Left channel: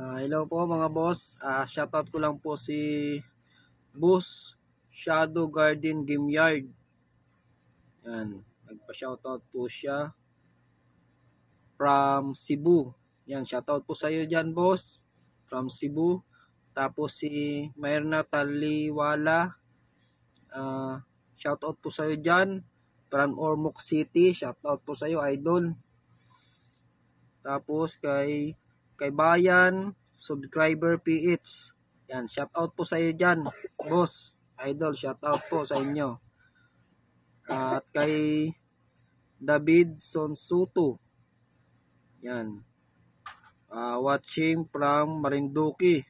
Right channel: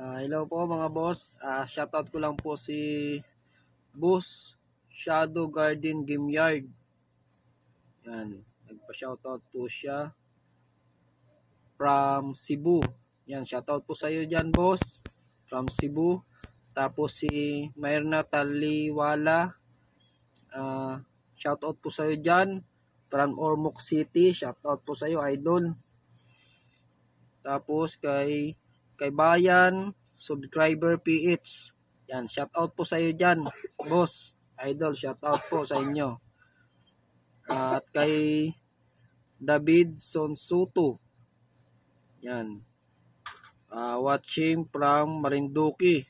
Hello po mga boss. Shoutout ko lang po si Boss Shadow Garden Game Yard. Yan, nagpa-shoutout po siya from Cebu. Yan, shoutout po sa iyo diyan, boss. From Cebu. Tapos si Myrna Taliwala. Shoutout po sa iyo diyan from Ormoc City. Shoutout po sa iyo, idol. Tapos kay Bayan Subscriber PH. Yan, shout out po sa iyo diyan, boss. Idol, shout out po sa inyo. At kay David Sonsuto. Yan. Watching from Marinduque.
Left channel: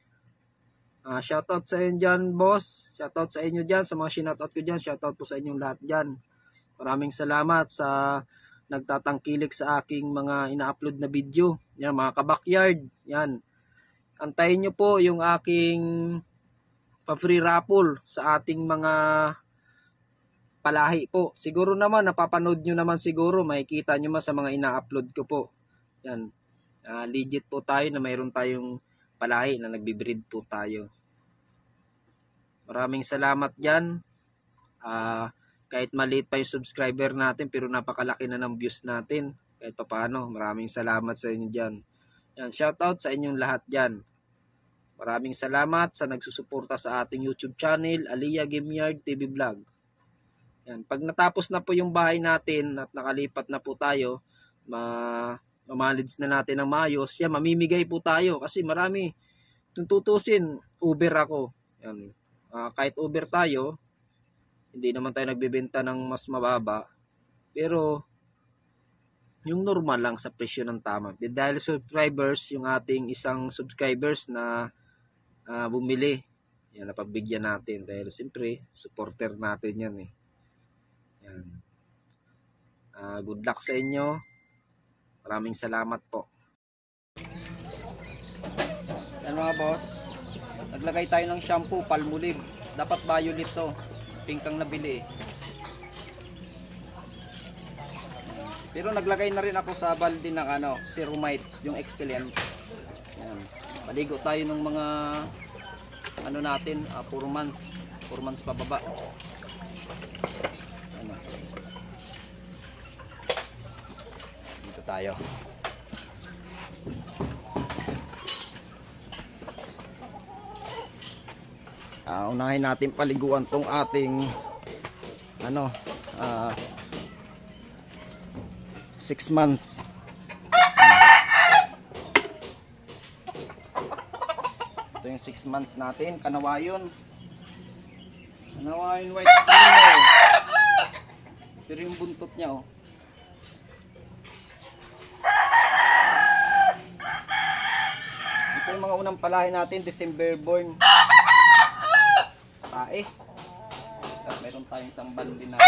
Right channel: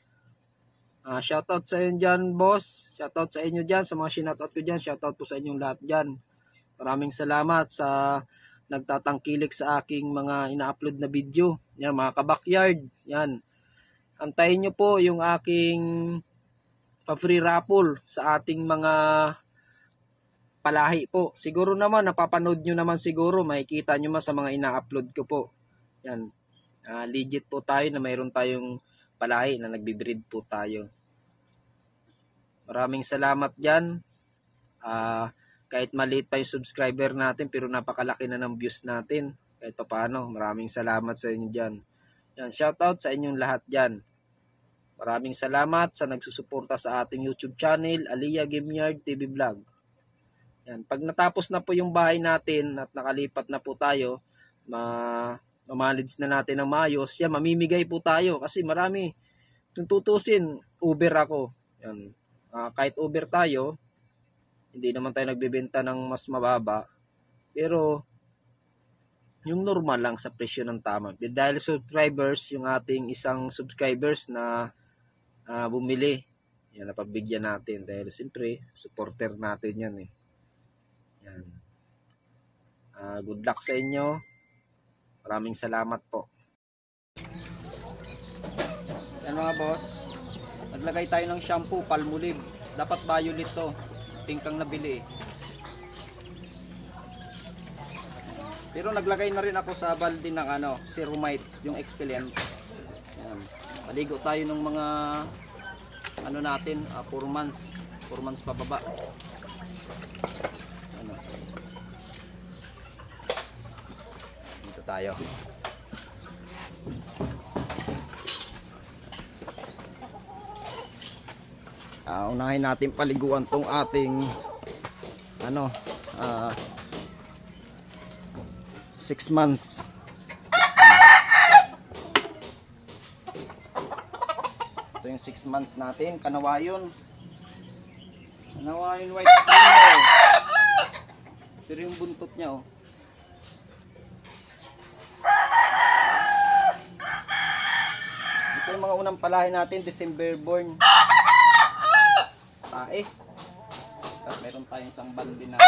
Shout out sa inyo diyan, boss. Shout out sa inyo diyan, sa mga shout out ko diyan. Shout out po sa inyong lahat diyan. Maraming salamat sa nagtatangkilik sa aking mga ina-upload na video. Yan, mga kabakyard. Yan. Antayin nyo po yung aking pa-free raffle sa ating mga palahi po. Siguro naman, napapanood nyo naman siguro. Makikita nyo man sa mga ina-upload ko po. Yan. Legit po tayo na mayroon tayong palahi na nagbe-breed po tayo. Maraming salamat dyan. Kahit maliit pa yung subscriber natin, pero napakalaki na ng views natin. Kahit papaano, maraming salamat sa inyo dyan. Yan, shoutout sa inyong lahat dyan. Maraming salamat sa nagsusuporta sa ating YouTube channel, Aliyah Game Yard TV Vlog. Yan, pag natapos na po yung bahay natin at nakalipat na po tayo, mamalids na natin ng maayos, yan, mamimigay po tayo kasi marami. Kung tutusin, Uber ako. Yan, kahit Uber tayo, hindi naman tayo nagbebenta ng mas mababa. Pero, yung normal lang sa presyo ng tama. Dahil subscribers, yung ating isang subscribers na bumili. Yan, napabigyan natin. Dahil siyempre, supporter natin yan eh. Yan. Good luck sa inyo. Maraming salamat po. Yan mga boss. Naglagay tayo ng shampoo, Palmolive. Dapat violet to. Pink ang nabili. Pero naglagay na rin ako sa balde ng Ceromite, yung excellent. Yan. Paligo tayo ng mga natin, 4 months pababa. Dito tayo. Unahin natin paliguan tong ating 6 months. Ito yung 6 months natin, Kanawayon white streamer. Pero yung buntot niya ito yung mga unang palahi natin, December born. Tae. At meron tayong isang balde na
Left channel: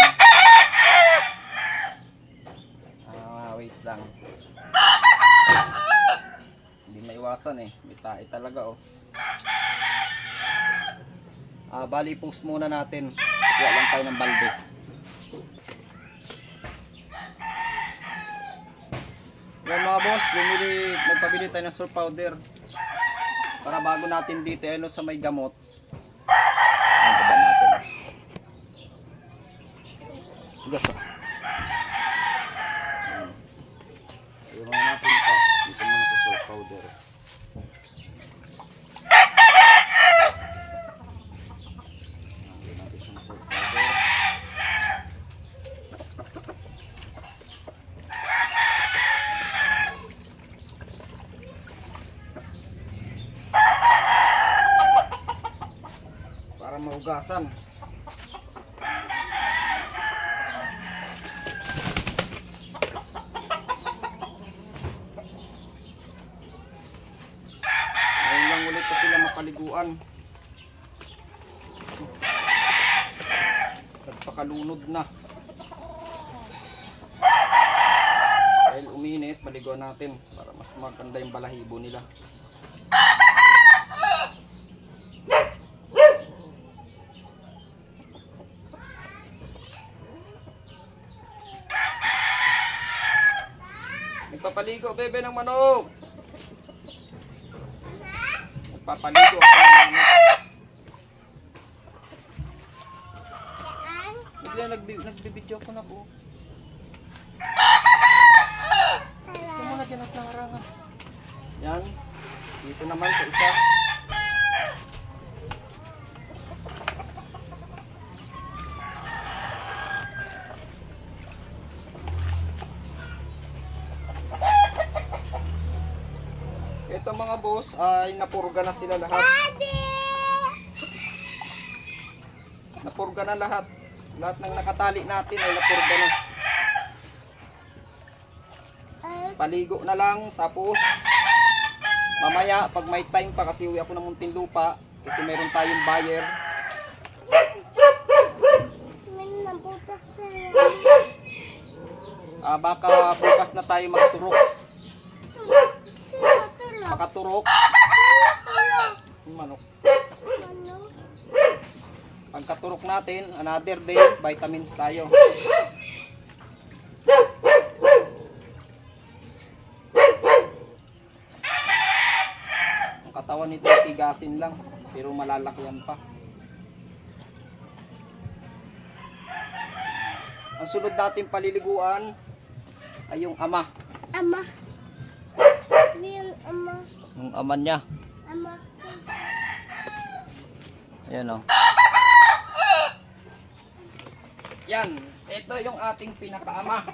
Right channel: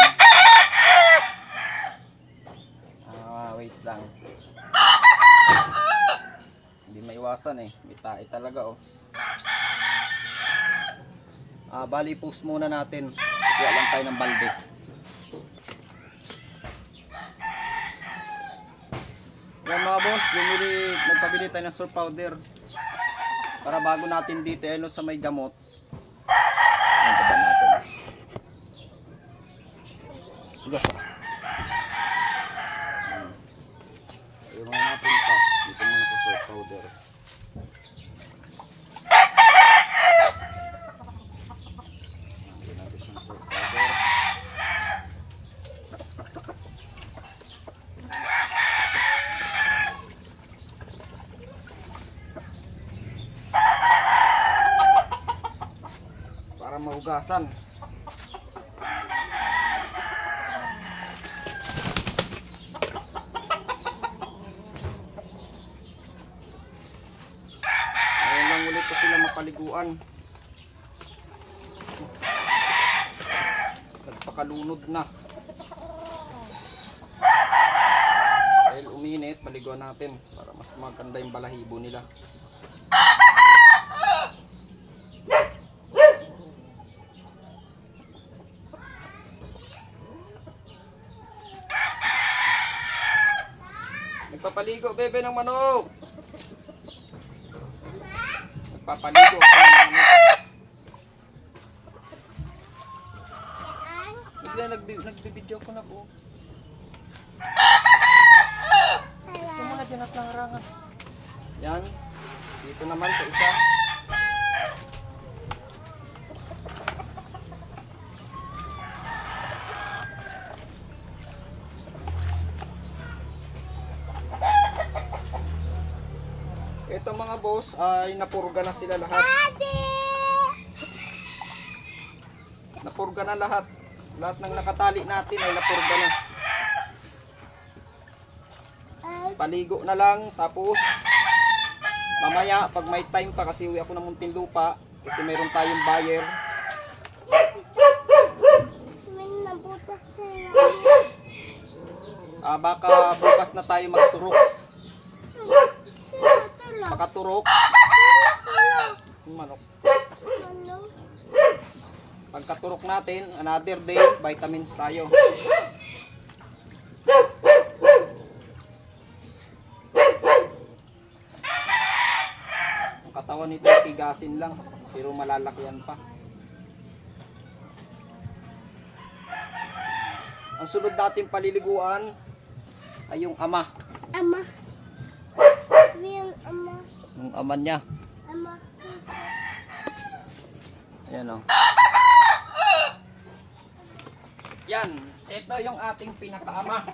wait lang. Hindi maiwasan eh. May tae talaga bali post muna natin. Kuha lang tayo ng balde. Yan mga boss, nagpabili tayo ng surf powder. Para bago natin dito sa may gamot. Ang taba natin. Igas Ayaw natin pa. Dito muna sa surf powder. Ayaw natin siyang surf powder. Para mahugasan. Ulit pa sila mapaliguan. Nagpakalunod na. Dahil uminit, paliguan natin para mas maganda yung balahibo nila. Nagpapaligo bebe ng manok. Magpapaligo ako ng ano. Bigla nagbibideo ko na po. Gusto mo na dyan at nangarangan. Yan. Dito naman sa isa. Ito mga boss ay napurga na sila lahat. Napurga na lahat. Lahat ng nakatali natin ay napurga na. Paligo na lang tapos mamaya pag may time pa kasi uwi ako ng Muntinlupa kasi meron tayong buyer. Baka bukas na tayo magturok. Pakaturok. Manok. Pagkaturok natin, another day, vitamins tayo. Ang katawan nito, tigasin lang, pero malalakyan pa. Ang sunod natin paliliguan ay yung ama. Ama. Yung ama. Yung ama niya. Ama. Ayan o. Yan. Ito yung ating pinakaama.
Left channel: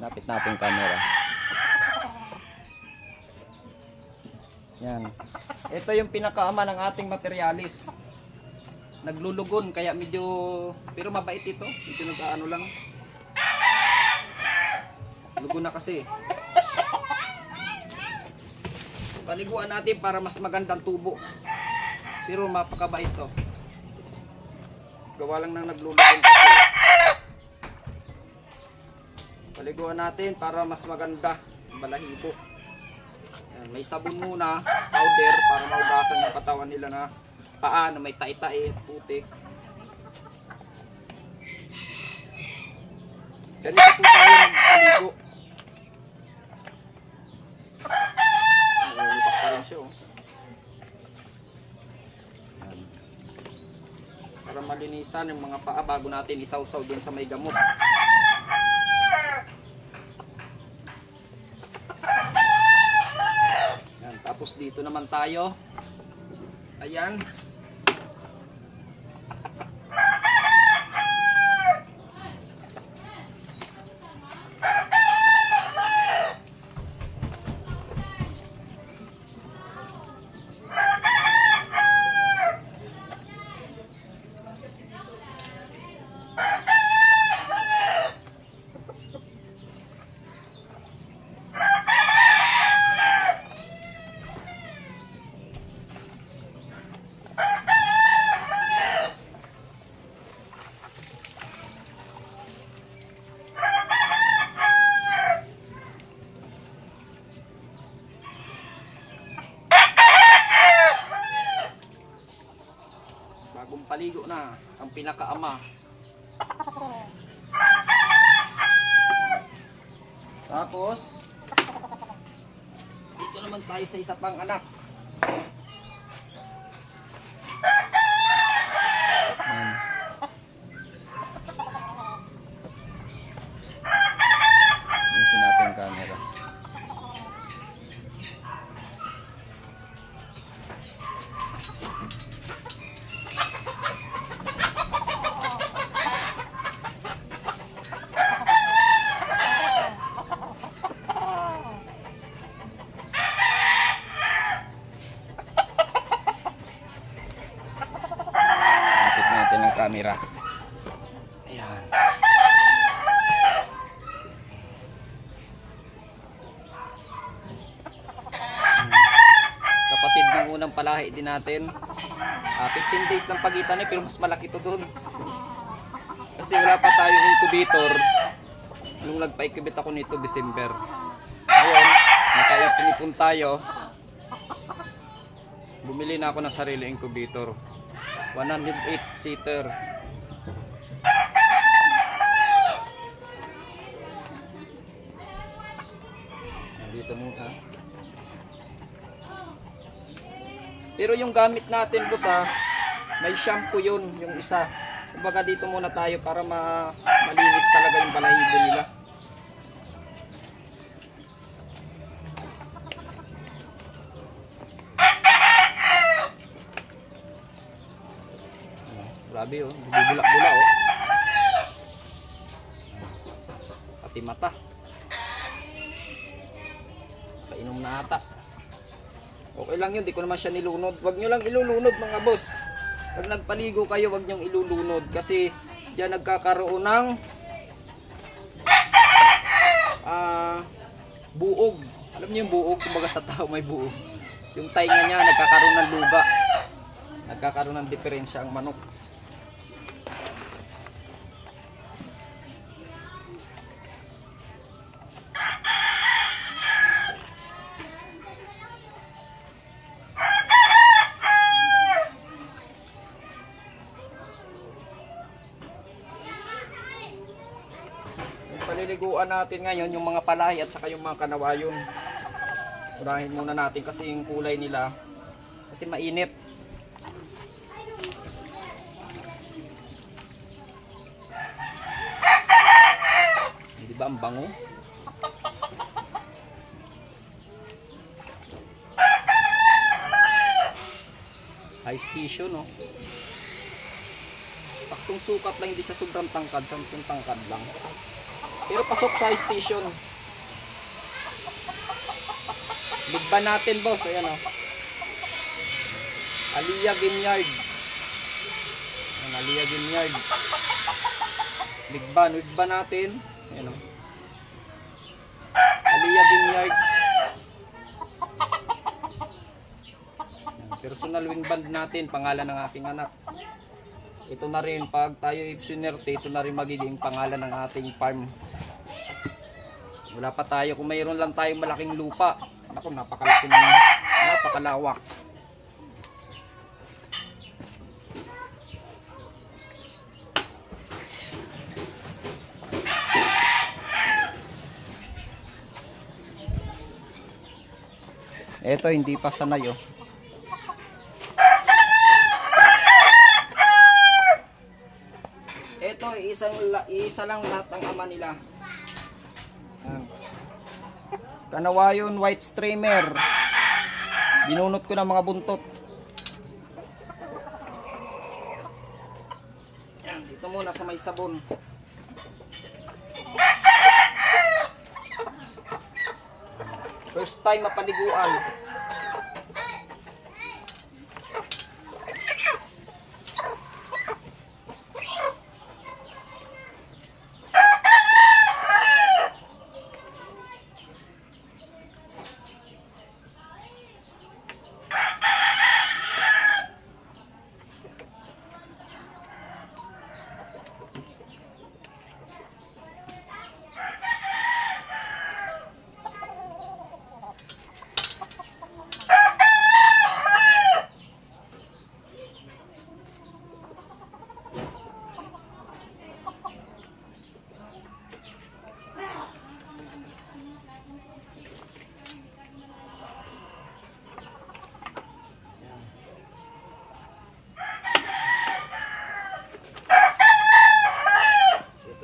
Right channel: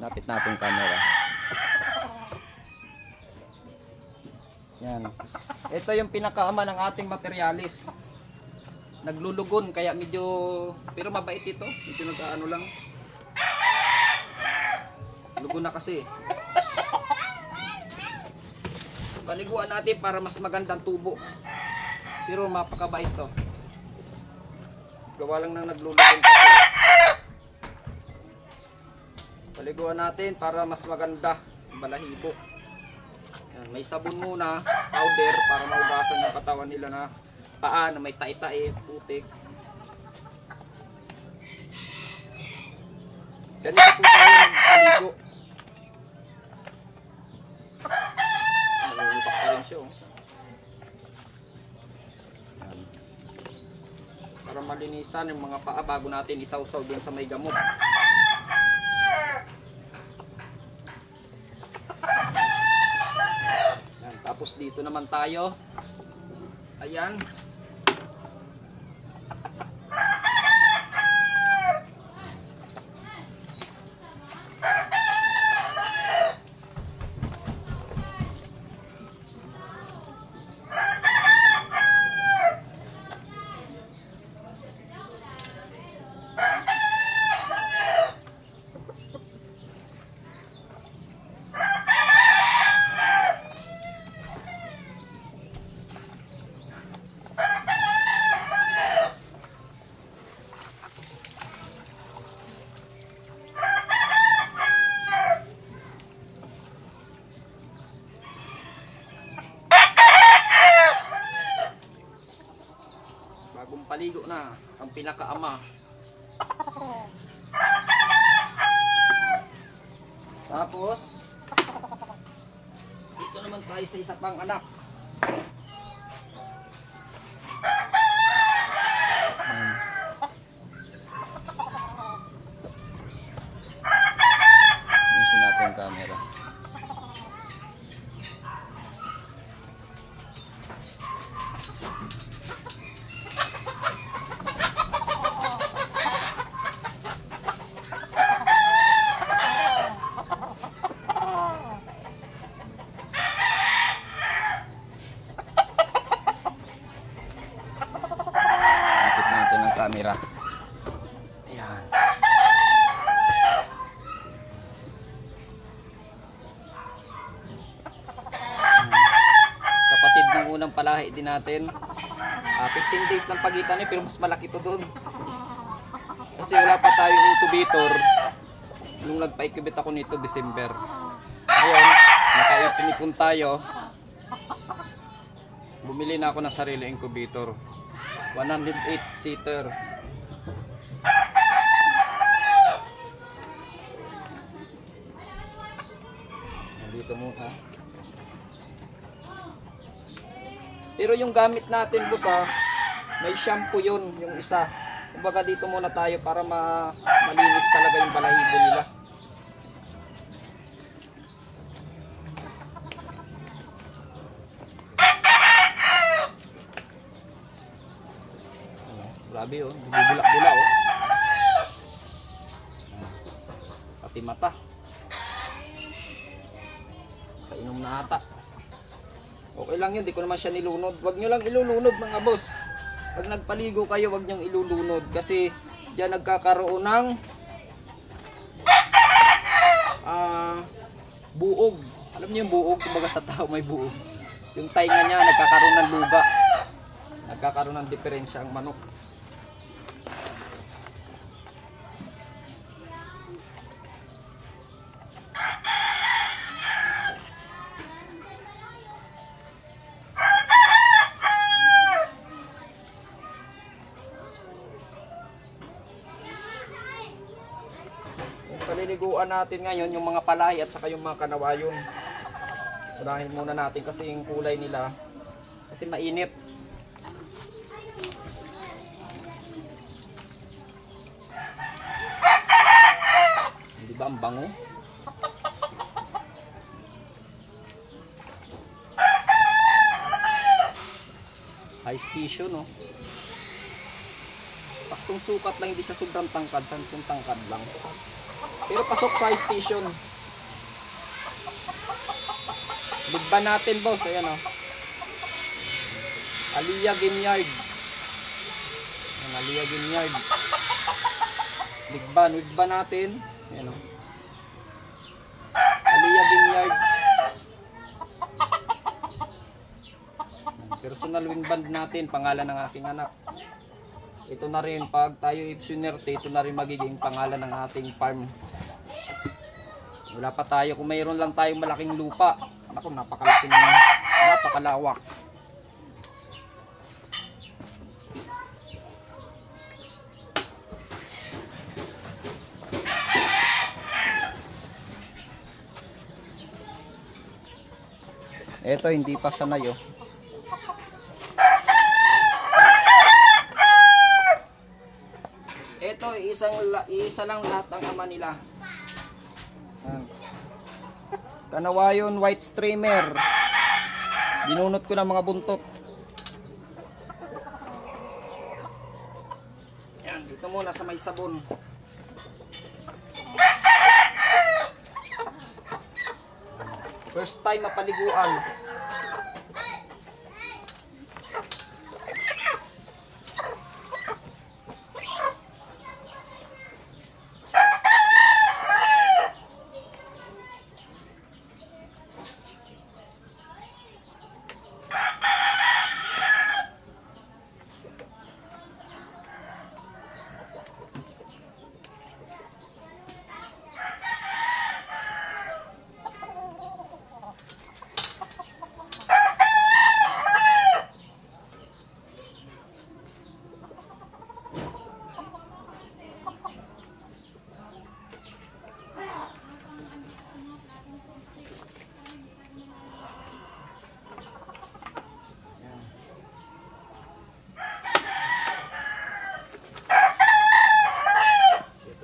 Lapit natin camera. Yan. Ito yung pinakaama ng ating materialis. Naglulugon kaya medyo, pero mabait ito. Medyo nag-ano lang. Lugon na kasi. Paliguan natin para mas magandang tubo. Pero mapakabait to. Gawa lang nang naglulugon kasi. Paliguan natin para mas maganda balahibo. Yan, may sabon muna, powder para maugasan yung katawan nila na paa na may tai-tai at putik. Ganito po tayo magpaligo. Nalulupak pa rin siya oh. Yan. Para malinisan yung mga paa bago natin isawsaw dun sa may gamot. Yan. Tapos dito naman tayo. Ayan. Bagong paligo na ang pinakaama. Tapos dito naman tayo sa isa pang anak. Ayusin natin yung camera. Camera. Ayan. Kapatid ng unang palahi din natin. 15 days ng pagitan pero mas malaki to doon. Kasi wala pa tayong incubator. Nung nagpa-incubate ako nito December. Ngayon, nakaipon tayo. Bumili na ako ng sarili incubator. 108 seater. Dito muna. Pero yung gamit natin boss may shampoo yun, yung isa. Kumbaga dito muna tayo para malinis talaga yung balahibo nila. Grabe oh, bubulak-bula oh. Pati mata. Nakainom na ata. Okay lang yun, di ko naman siya nilunod. Huwag nyo lang ilulunod mga boss. Pag nagpaligo kayo, huwag nyong ilulunod. Kasi diyan nagkakaroon ng buog. Alam niyo yung buog? Kumbaga sa tao may buog. Yung tainga niya nagkakaroon ng luga. Nagkakaroon ng diferensya ang manok. Paliliguan natin ngayon yung mga palay at saka yung mga kanawayon. Unahin muna natin kasi yung kulay nila kasi mainit. Hindi ba ang bango? High station no. Taktong sukat lang, hindi siya sobrang tangkad, sampung tangkad lang. Pero pasok sa station. Ligban natin boss, ayan o. Aliyah Vineyard. Ayan, Aliyah Vineyard. Ligban natin. Ayan o. Aliyah Vineyard. Personal wing band natin, pangalan ng aking anak. Ito na rin, pag tayo ipsunerte, ito na rin magiging pangalan ng ating farm. Wala pa tayo, kung mayroon lang tayong malaking lupa. Ako, napakalaki ng napakalawak. Ito hindi pa sanay oh. Ito isa lang lahat ng ama nila. Kanawayon white streamer. Binunot ko ng mga buntot. Yan, dito muna sa may sabon. First time mapaliguan.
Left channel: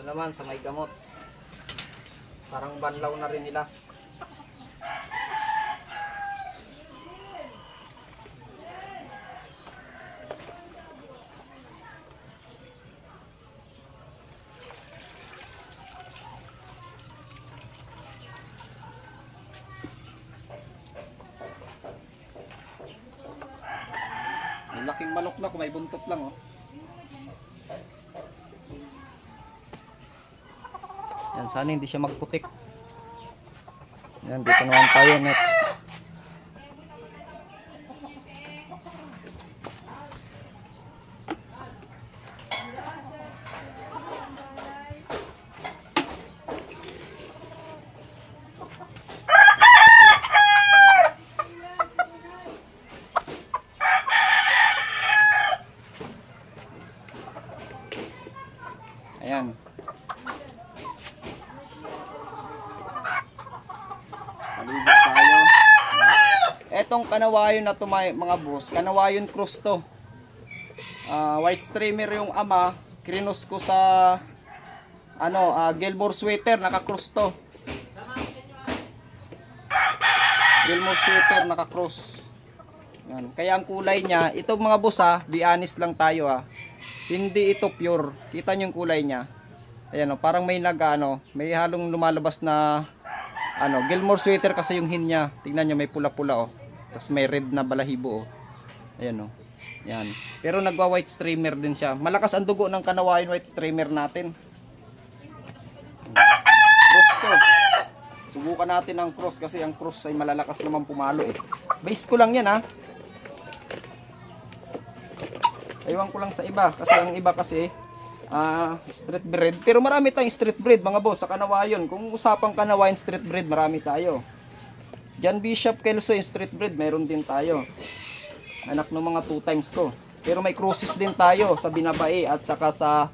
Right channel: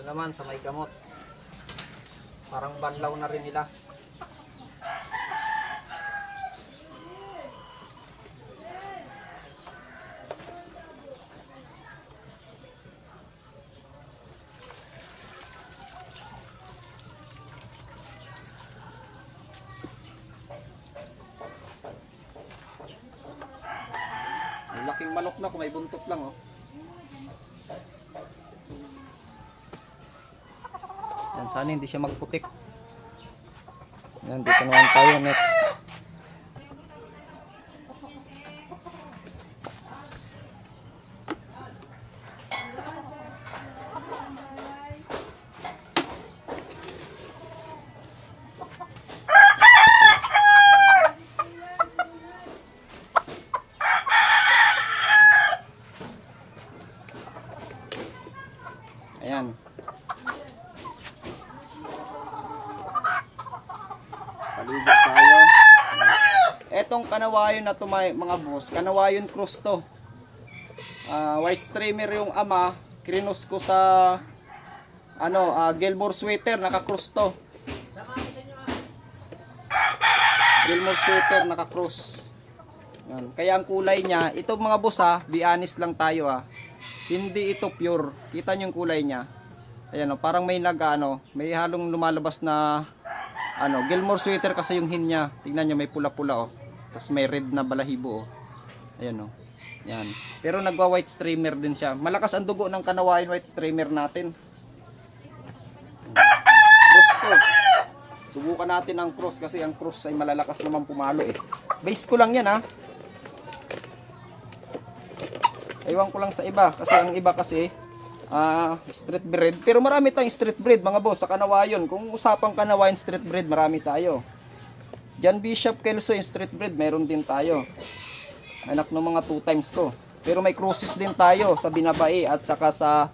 Naman sa may gamot, parang banlaw na rin nila. May laking manok na kung may buntot lang oh. Yan, sana hindi siya magputik. Yan, dito naman tayo next. Ayan. Maligo tayo. Etong kanawayon na to mga boss, kanawayon cross to. White streamer yung ama, krinos ko sa Gilmore sweater, naka-cross to. Gilmore sweater, naka-cross. Yan. Kaya ang kulay niya, ito mga boss be honest lang tayo hindi ito pure. Kita niyo yung kulay niya. Ayan parang may may halong lumalabas na Gilmore sweater kasi yung hin niya. Tingnan niyo may pula-pula Tapos may red na balahibo Ayan Yan. Pero nagwa-white streamer din siya. Malakas ang dugo ng kanawayon white streamer natin. Cross to. Subukan natin ang cross kasi ang cross ay malalakas naman pumalo Base ko lang yan Ewan ko lang sa iba kasi ang iba kasi street breed. Pero marami tayong street breed mga boss sa kanawayon. Kung usapang kanawayon street breed, marami tayo. John Bishop Kelso yung street breed, meron din tayo. Anak ng mga 2 times ko. Pero may crosses din tayo sa Binabae at saka sa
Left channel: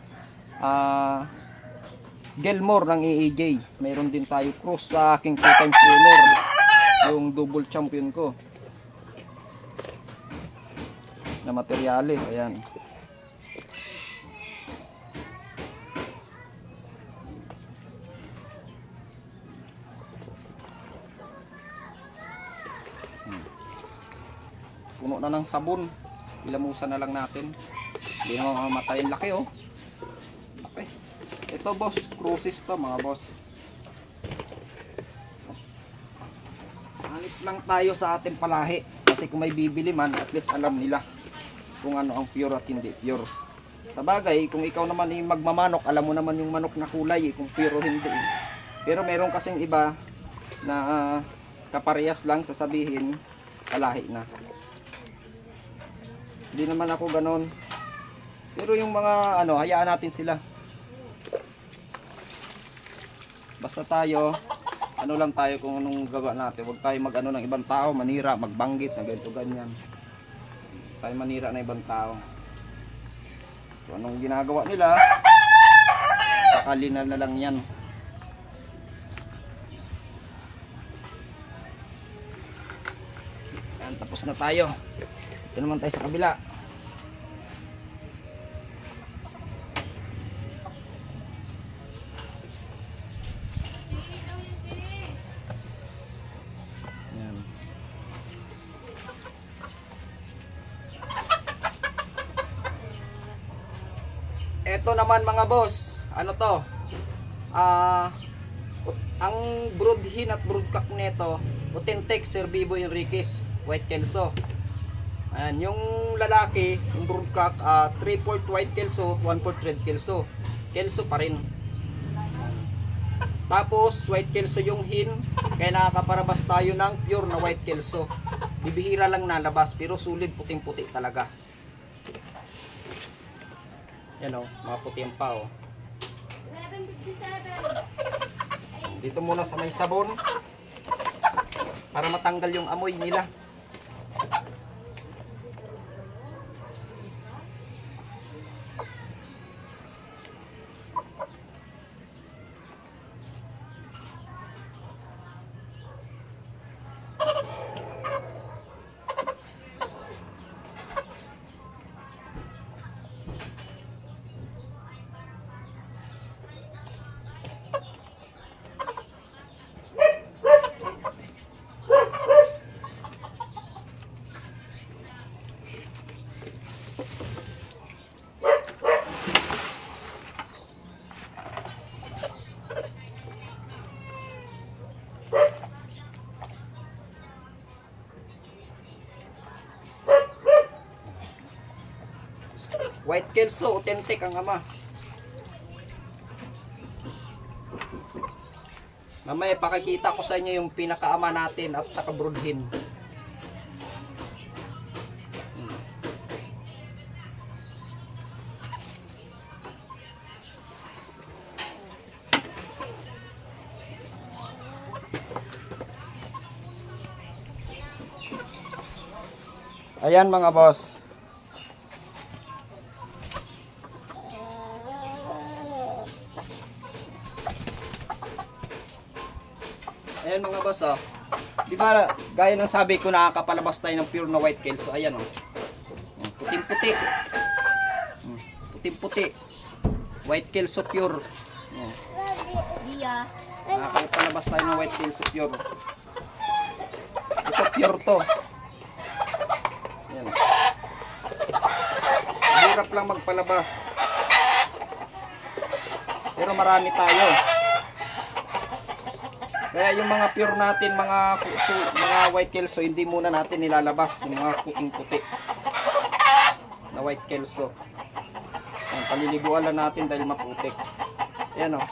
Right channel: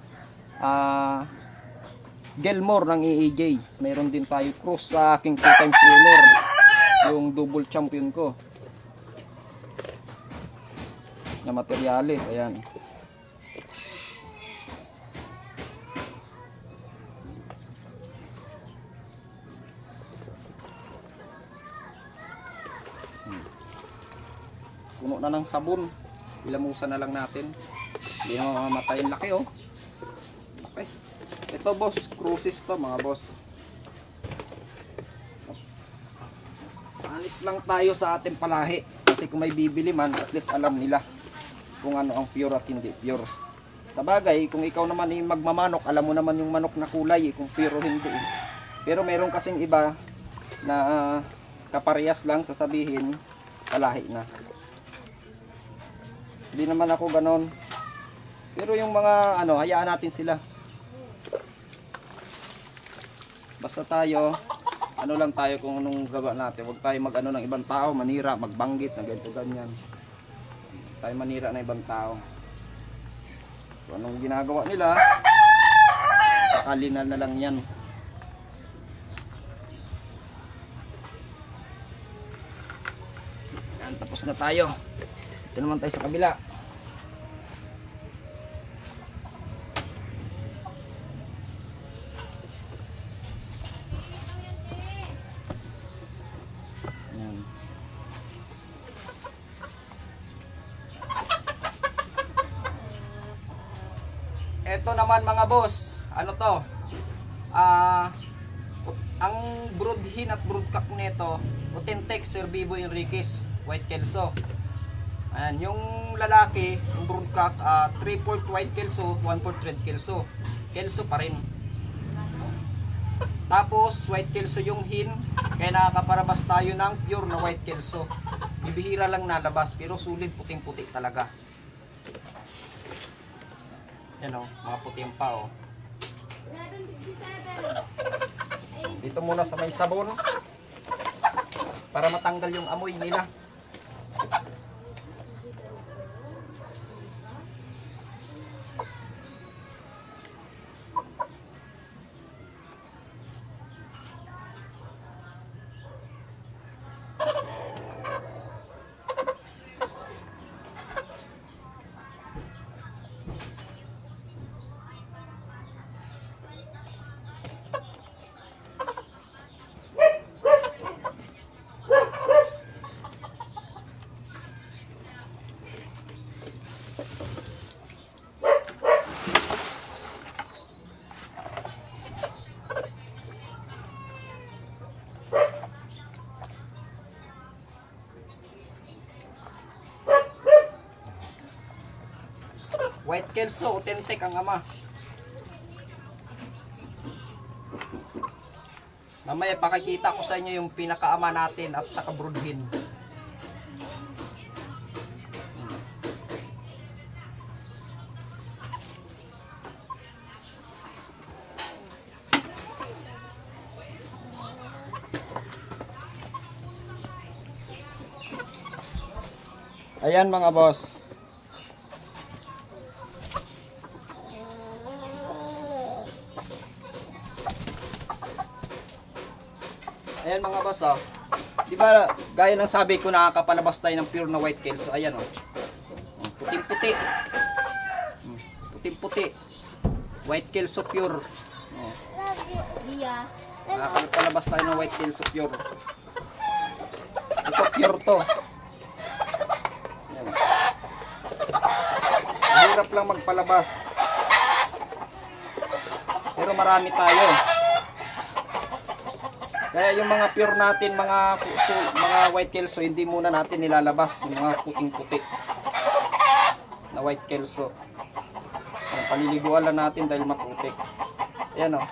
Gilmore ng EAJ. Meron din tayo cross sa aking 2 times winner. Yung double champion ko. Na materialis, ayan. Puno na ng sabon. Ilamusan na lang natin. Hindi na mamamatay. Laki Laki. Ito boss, cruises to mga boss. Alis lang tayo sa ating palahi. Kasi kung may bibili man, at least alam nila kung ano ang pure at hindi pure. Sabagay, kung ikaw naman magmamanok, alam mo naman yung manok na kulay kung pure o hindi. Pero meron kasing iba na kaparehas lang sasabihin palahi na. Hindi naman ako ganon. Pero yung mga hayaan natin sila. Basta tayo lang tayo kung anong gawa natin. Huwag tayo ng ibang tao, manira, magbanggit na ganito ganyan. Tayo manira na ibang tao. So anong ginagawa nila, sakalinan na lang yan. Yan, tapos na tayo. Ito naman tayo sa kabila. Yan. Ito naman mga boss, to? Ang broodhin at broodcock nito, authentic Sir Bibo Enriquez, white kelso. Ayan, yung lalaki, yung broodcock, 3/4 white kelso, 1/4 red kelso. Kelso pa rin. Tapos white kelso yung hin, kaya nakakaparabas tayo ng pure na white kelso. Bibihira lang nalabas, pero sulit puting-puti talaga. Yan mga puti ang pa Dito muna sa may sabon para matanggal yung amoy nila. White kelso, authentic ang ama. Mamaya pakikita ko sa inyo yung pinakaama natin at saka broodhin. Ayan mga boss. Ayan mga boss Di ba, gaya ng sabi ko, nakakapalabas tayo ng pure na white kelso. Ayan, oh. Puting-puti. Puting-puti. White kelso pure. Oh. Iya. Nakakapalabas tayo ng white kelso pure. Ito pure to. Ayan. Hirap lang magpalabas. Pero marami tayo. Kaya yung mga pure natin, mga white kelso, hindi muna natin nilalabas. Yung mga puting-puti na white kelso. Ayan, paliliguan lang natin dahil maputik. Ayan, oh.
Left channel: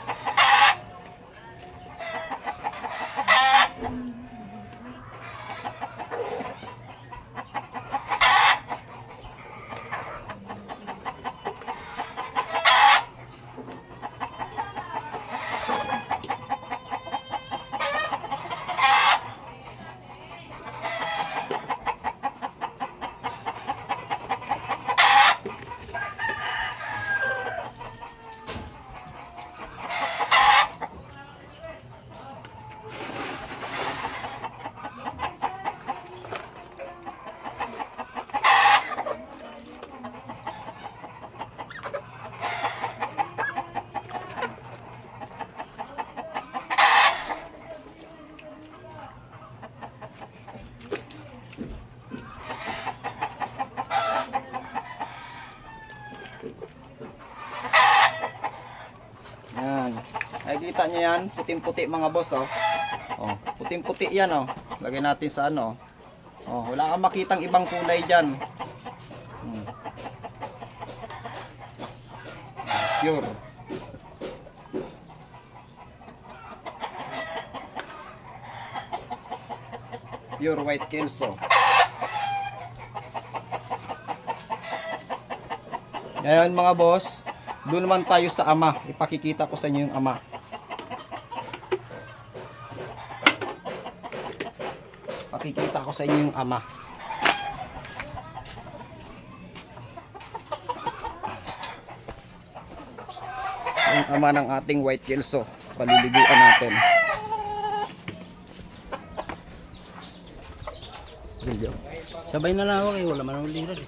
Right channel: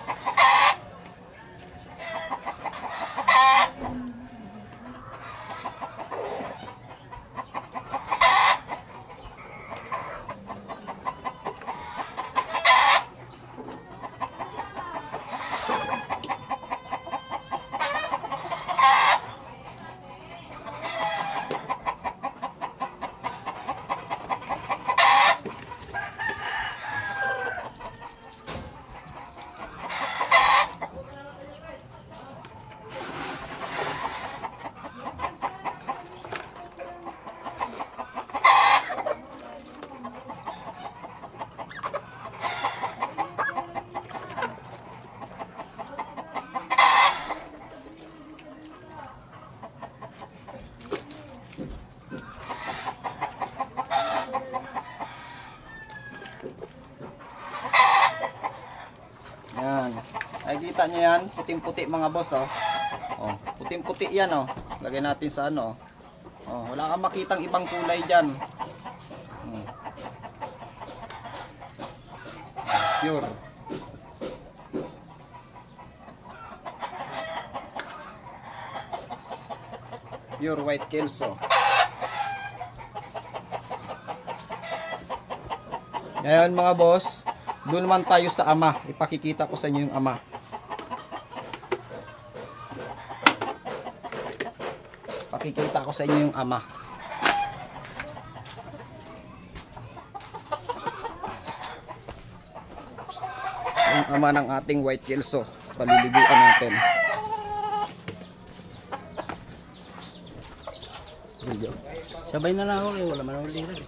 Yan. Nakikita nyo yan, puting-puti mga boss, oh. Oh, puting-puti yan, oh. Lagay natin sa ano. Oh, wala kang makitang ibang kulay diyan. Pure. Pure white kelso. Ngayon mga boss, doon naman tayo sa ama. Ipakikita ko sa inyo yung ama. Pakikita ko sa inyo yung ama. Yung ama ng ating white kelso. Paliliguan natin. Sabay na lang ako eh, wala man ulit rin.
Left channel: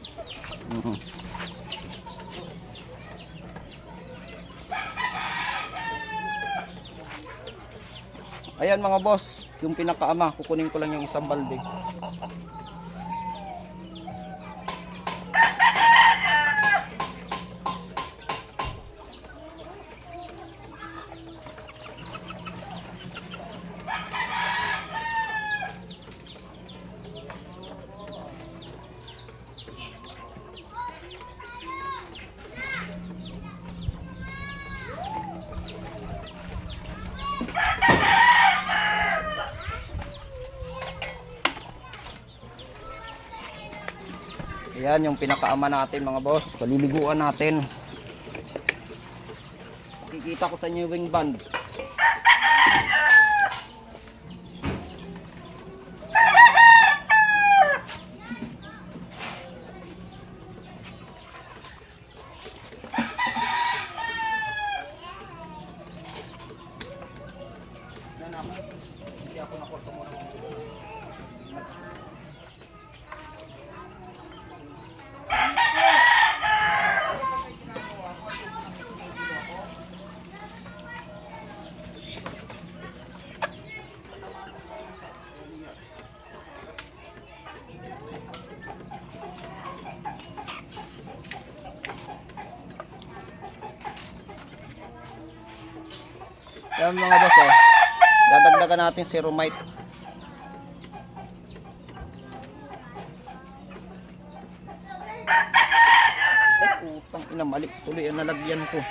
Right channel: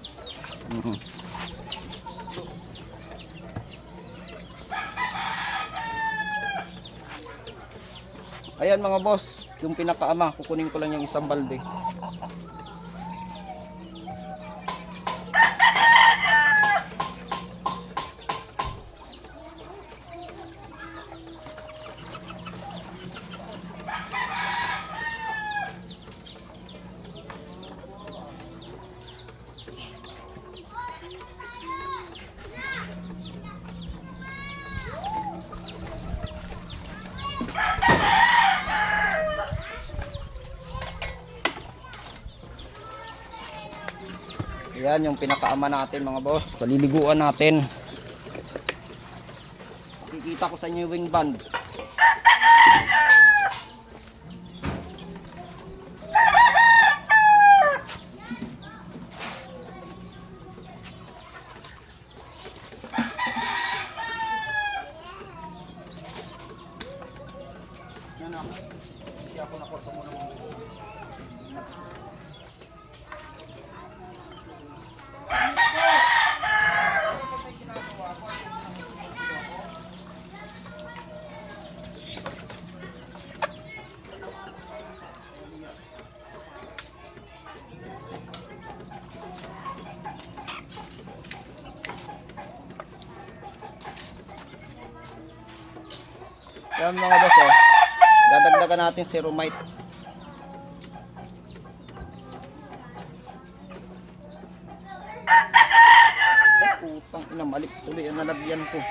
Ayan mga boss, yung pinakaama, kukunin ko lang yung isang balde. Ayan yung pinakaama natin mga boss. Paliliguan natin. Makikita ko sa inyo yung wing band. Yan mga boss, oh. Dadagdagan natin ceromite. Putang ina, malik tuloy ang nalagyan ko.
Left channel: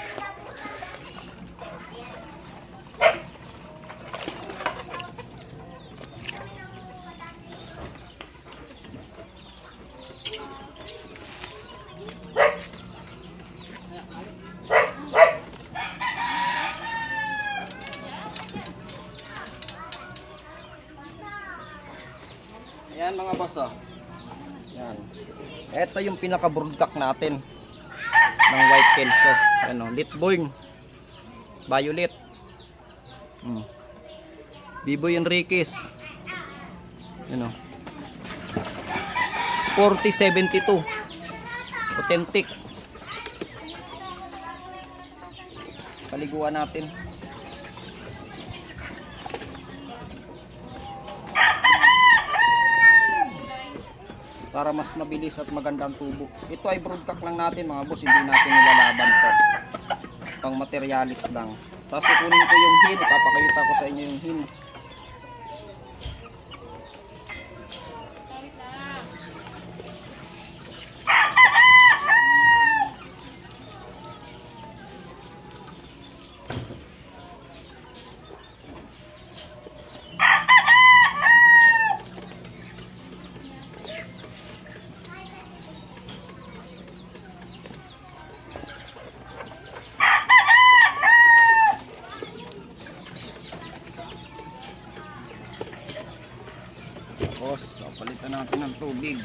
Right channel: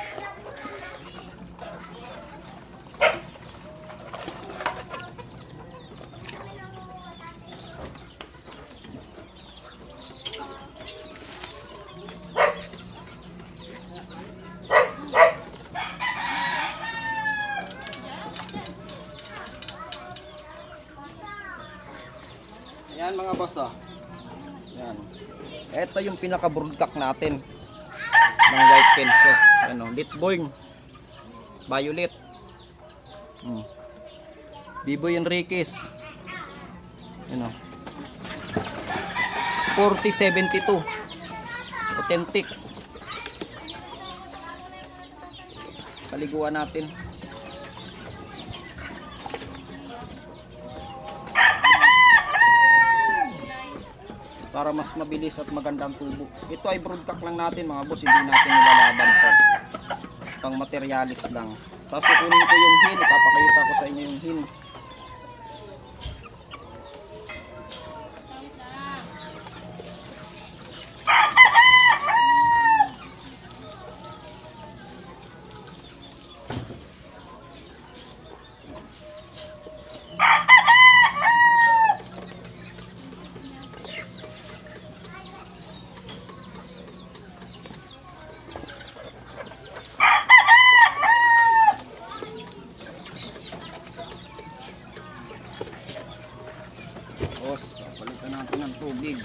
Ayan mga boss, oh. Yan. Ito yung pinaka-broodcock natin ng white kelso. Ano, Litboy, Violet. Biboy Enriquez. Yun o. 4072. Authentic. Paliguan natin. Para mas mabilis at magandang tubo. Ito ay broodcock lang natin mga boss, hindi natin nilalaban to. Pang materialis lang. Tapos kukunin ko yung hin, ipapakita ko sa inyo yung hin. Tapos, palitan natin ng tubig.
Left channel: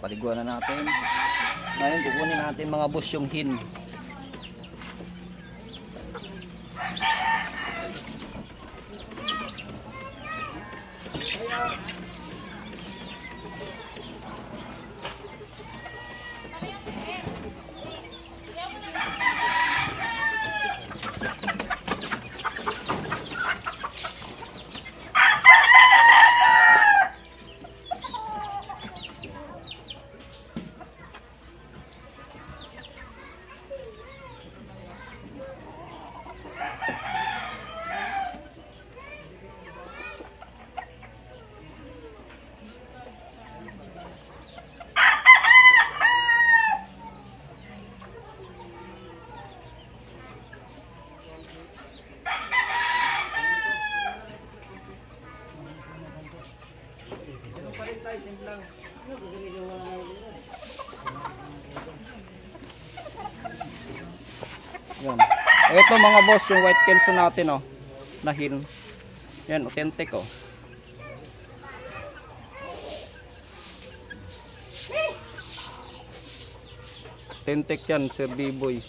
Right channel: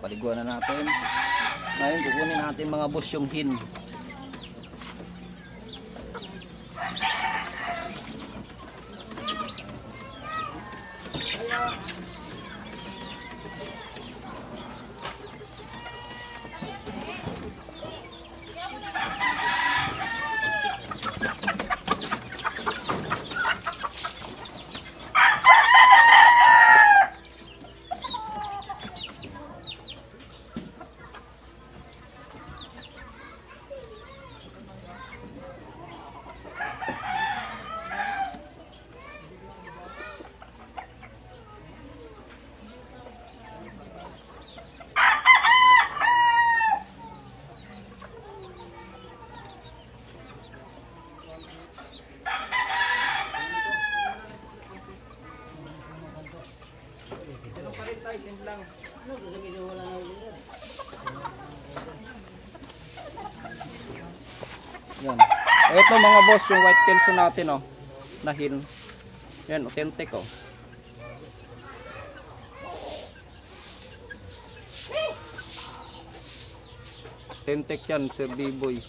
Paliguan na natin. Ngayon kukunin natin mga boss yung hin. Yan. Ito mga boss, yung white kelso natin oh, na hin. Yan, authentic oh. Authentic yan, Sir B-Boy.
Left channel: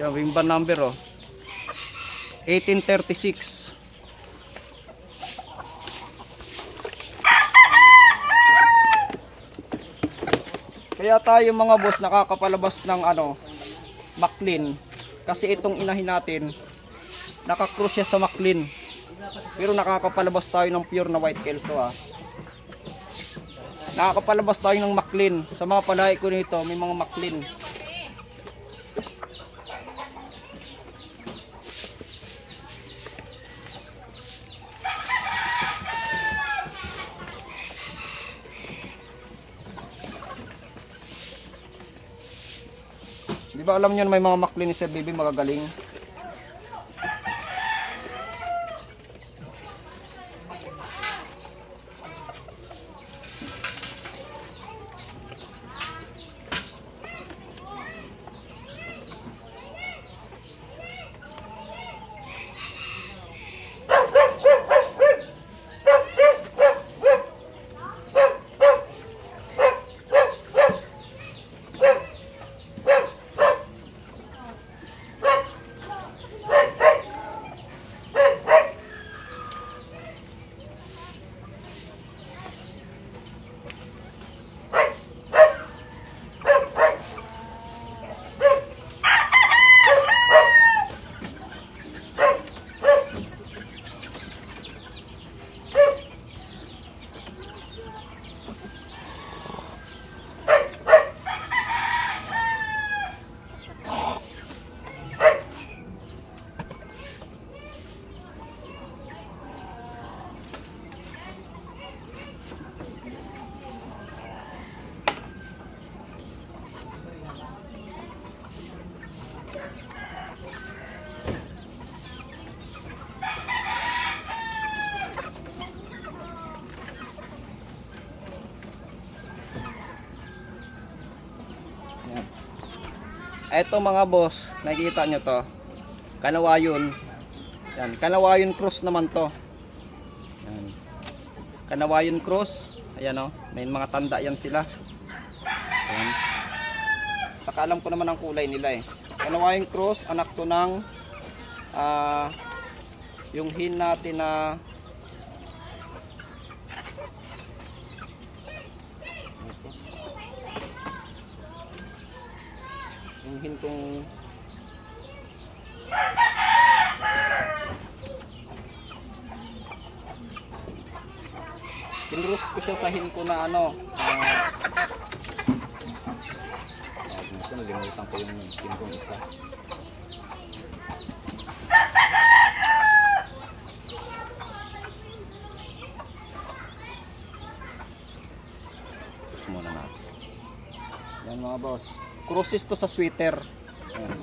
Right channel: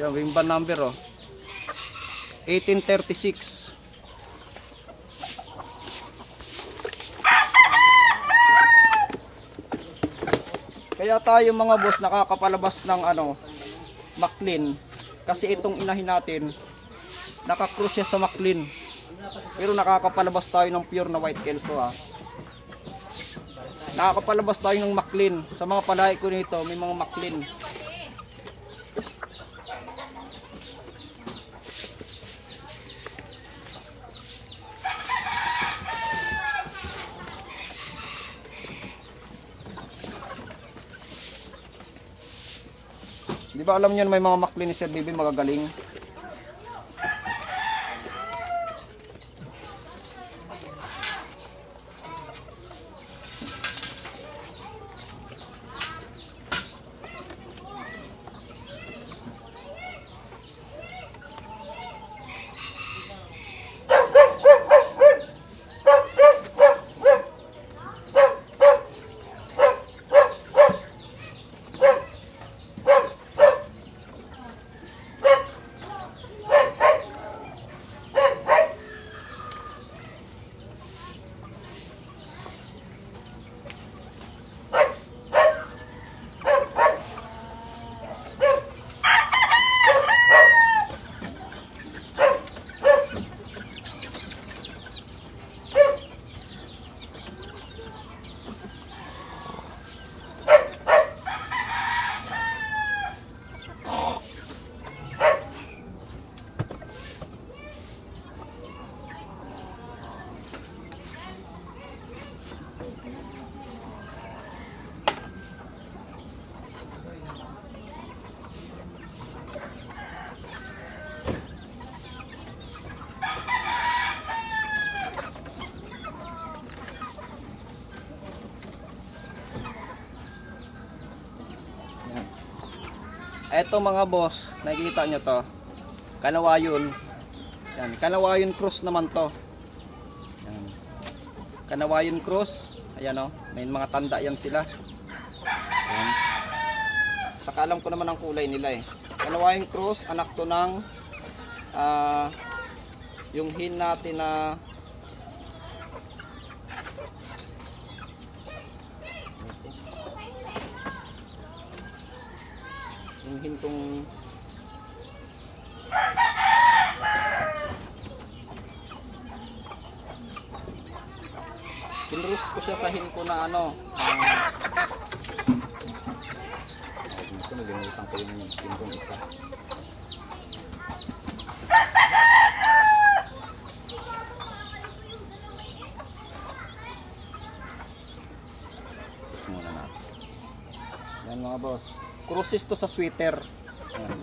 Yan, wingban number oh. 1836. Kaya tayo mga boss nakakapalabas ng ano, Maclean. Kasi itong inahin natin, nakakross siya sa Maclean. Pero nakakapalabas tayo ng pure na white kelso ha. Nakakapalabas tayo ng Maclean. Sa mga palahi ko nito, may mga Maclean. Di ba alam niyo may mga Maclean ni Sir Bibi magagaling? Eto mga boss, nakikita nyo to. Kanawayon. Yan, Kanawayon cross naman to. Yan. Kanawayon cross. Ayan o, may mga tanda yan sila. Yan. Saka alam ko naman ang kulay nila eh. Kanawayon cross, anak to ng yung hin natin na yung hin kong pinrus ko siya sa hin ko na ano dito nalimutan ko yung hin kong isa. Muna natin. Yan mga boss. Crosses to sa sweater.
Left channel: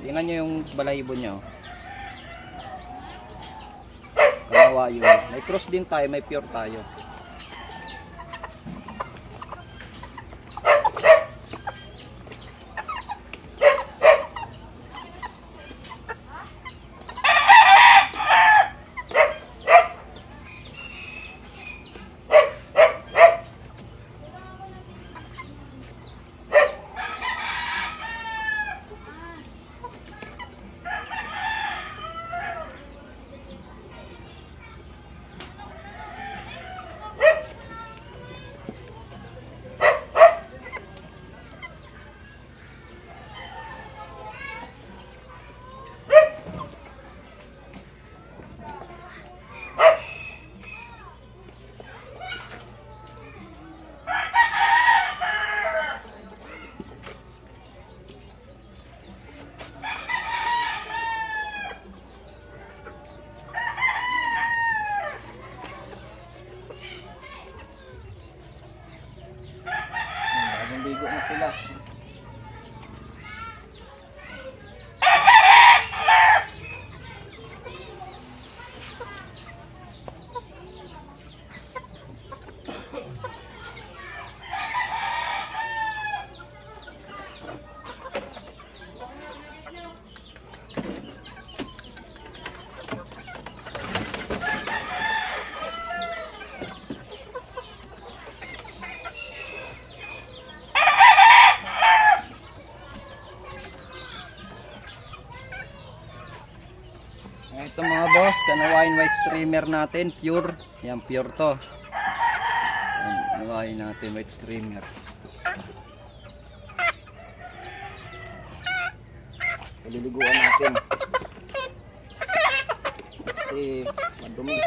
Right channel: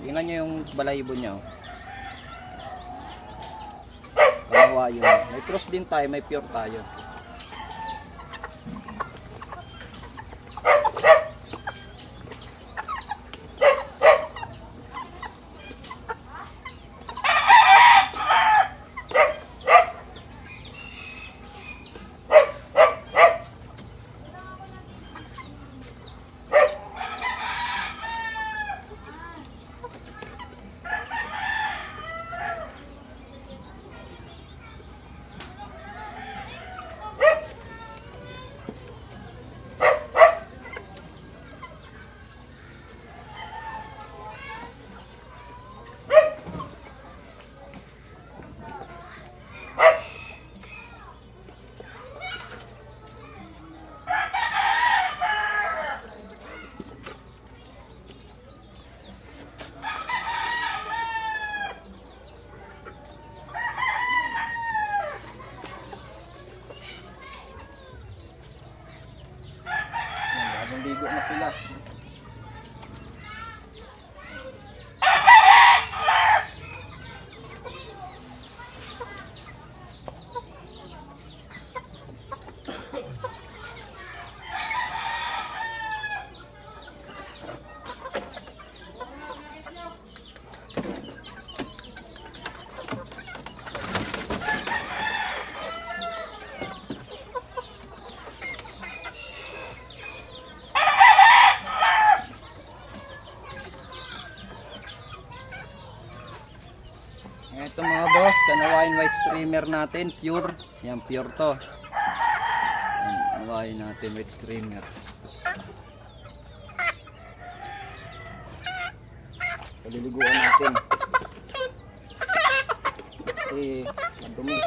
Tingnan nyo yung balahibo niya. Kanawayon. May cross din tayo, may pure tayo. Ligo na sila. Ito mga boss, Kanawayon white streamer natin, pure. Yan, pure to. Yan, Kanawayon natin white streamer. Paliliguan natin. Kasi madumi.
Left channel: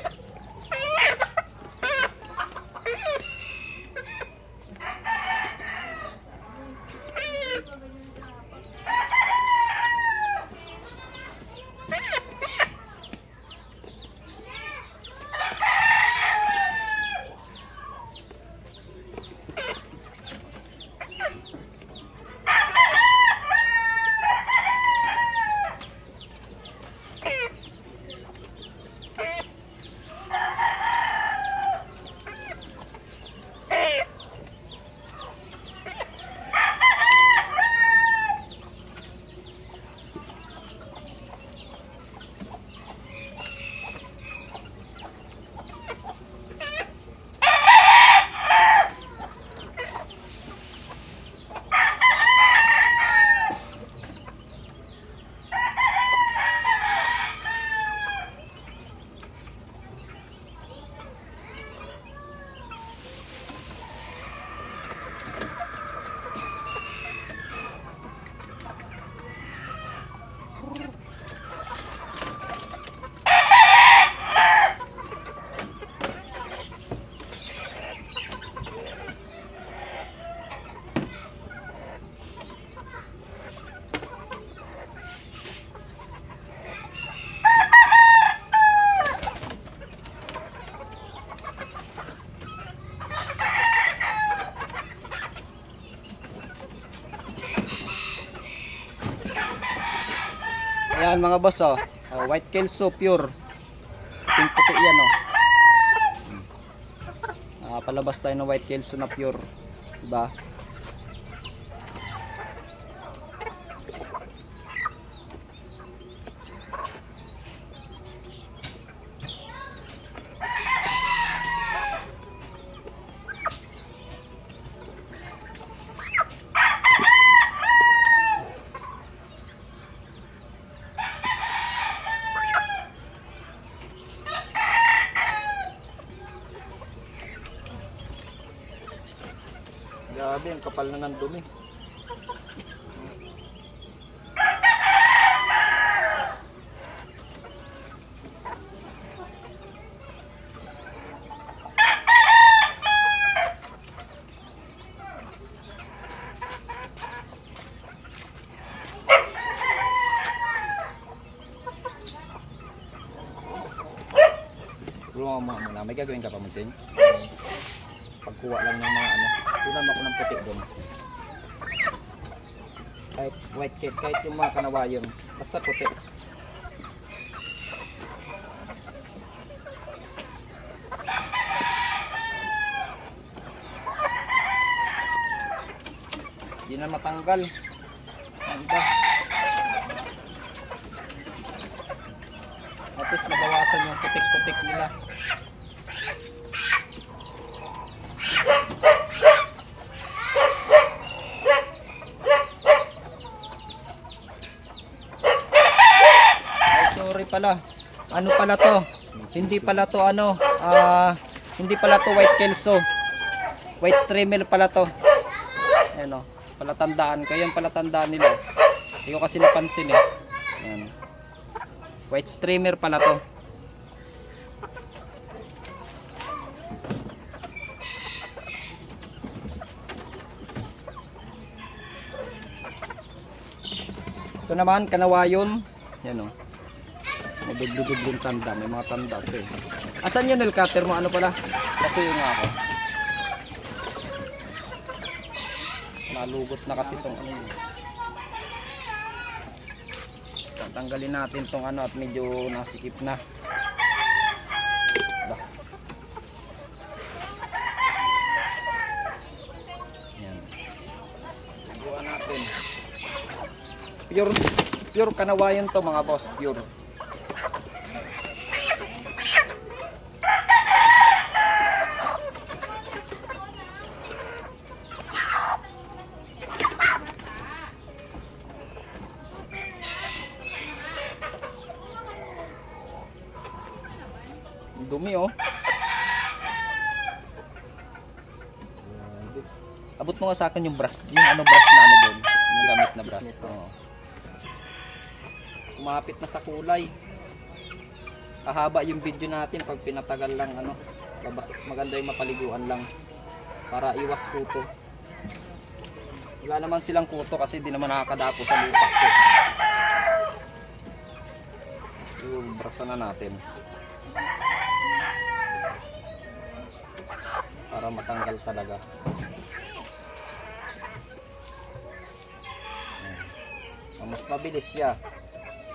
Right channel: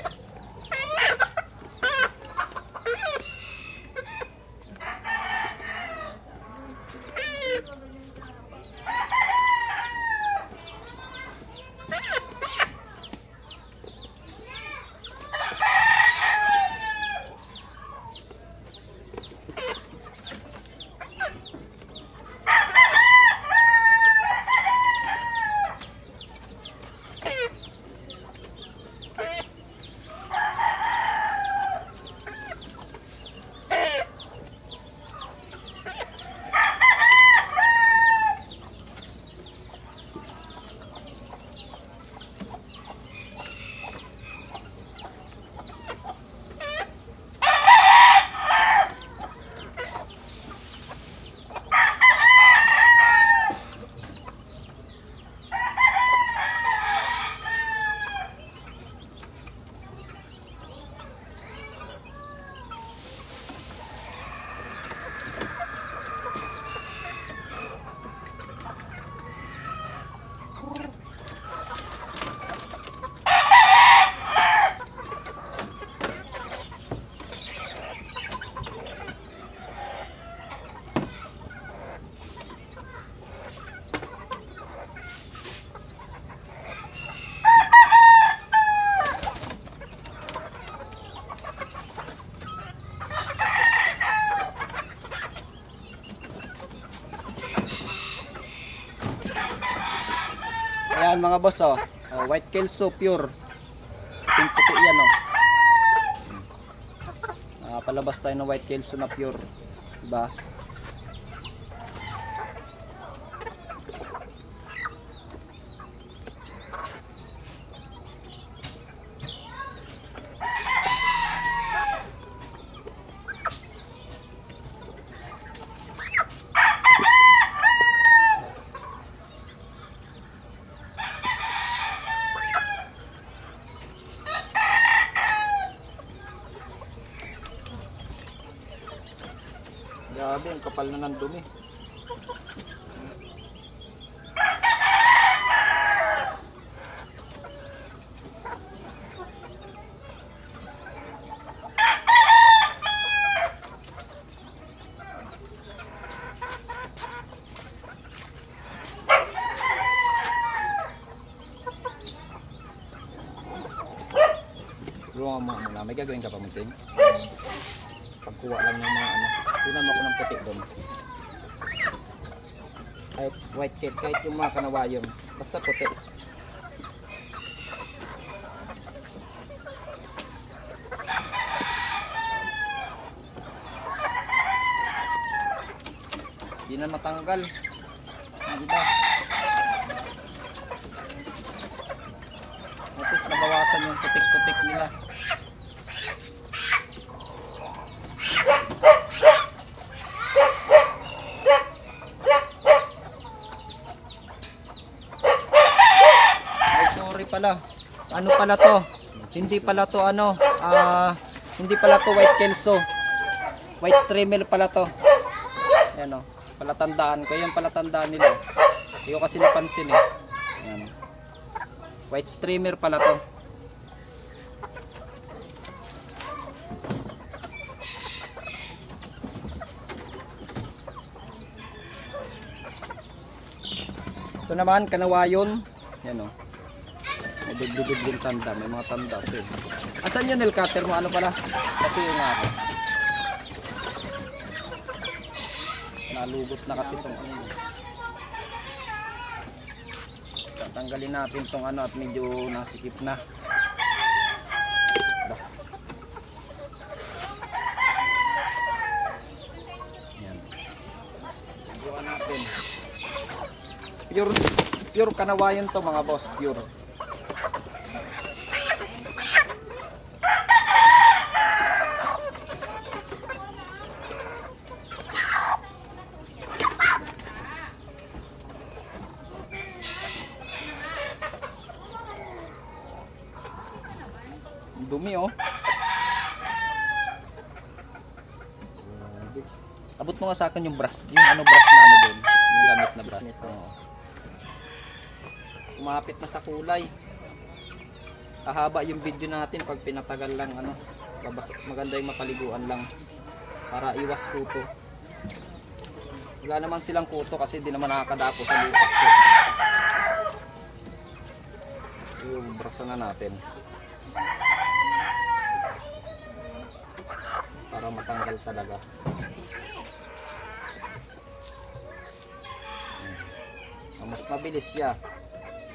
Ayan mga boss oh. White Kelso pure. Yung puti yan oh. Palabas tayo ng White Kelso na pure. Diba? Grabe, ang kapal na ng dumi. Tulungan mo muna. May gagawin ka pa mo, Tin? Pagkuha lang ng mga ano. Tunan ako ng puti doon. Kahit white cake, kahit yung mga kanawayon. Basta puti. Hindi na matanggal. Ang iba. At least nabawasan yung putik-putik nila. Ay, sorry pala. Ano pala to? Hindi pala to ano, hindi pala to white kelso. White streamer pala to. Ayan o, palatandaan ko. Yan palatandaan nila. Hindi ko kasi napansin eh. Ayan. White streamer pala to. Ito naman, kanawayon. Yan o. May dubli-dubling tanda. May mga tanda. Okay. Asan yung nail cutter mo? Ano pala? Kasi yun nga ako. Nalugot na kasi itong ano. Tanggalin natin itong ano at medyo nasikip na. Yan. Buwan natin. Pure kanawayon to mga boss, pure. Dumi oh. Abot mo nga sa akin yung brush. Yung ano brush na ano doon. Yung gamit na brush. Oh. Kumapit na sa kulay. Hahaba yung video natin pag pinatagal lang ano. Maganda yung mapaliguan lang. Para iwas kuto. Wala naman silang kuto kasi hindi naman nakakadapo sa lupa ko. Yung brushan na natin. Para matanggal talaga. Mas mabilis siya.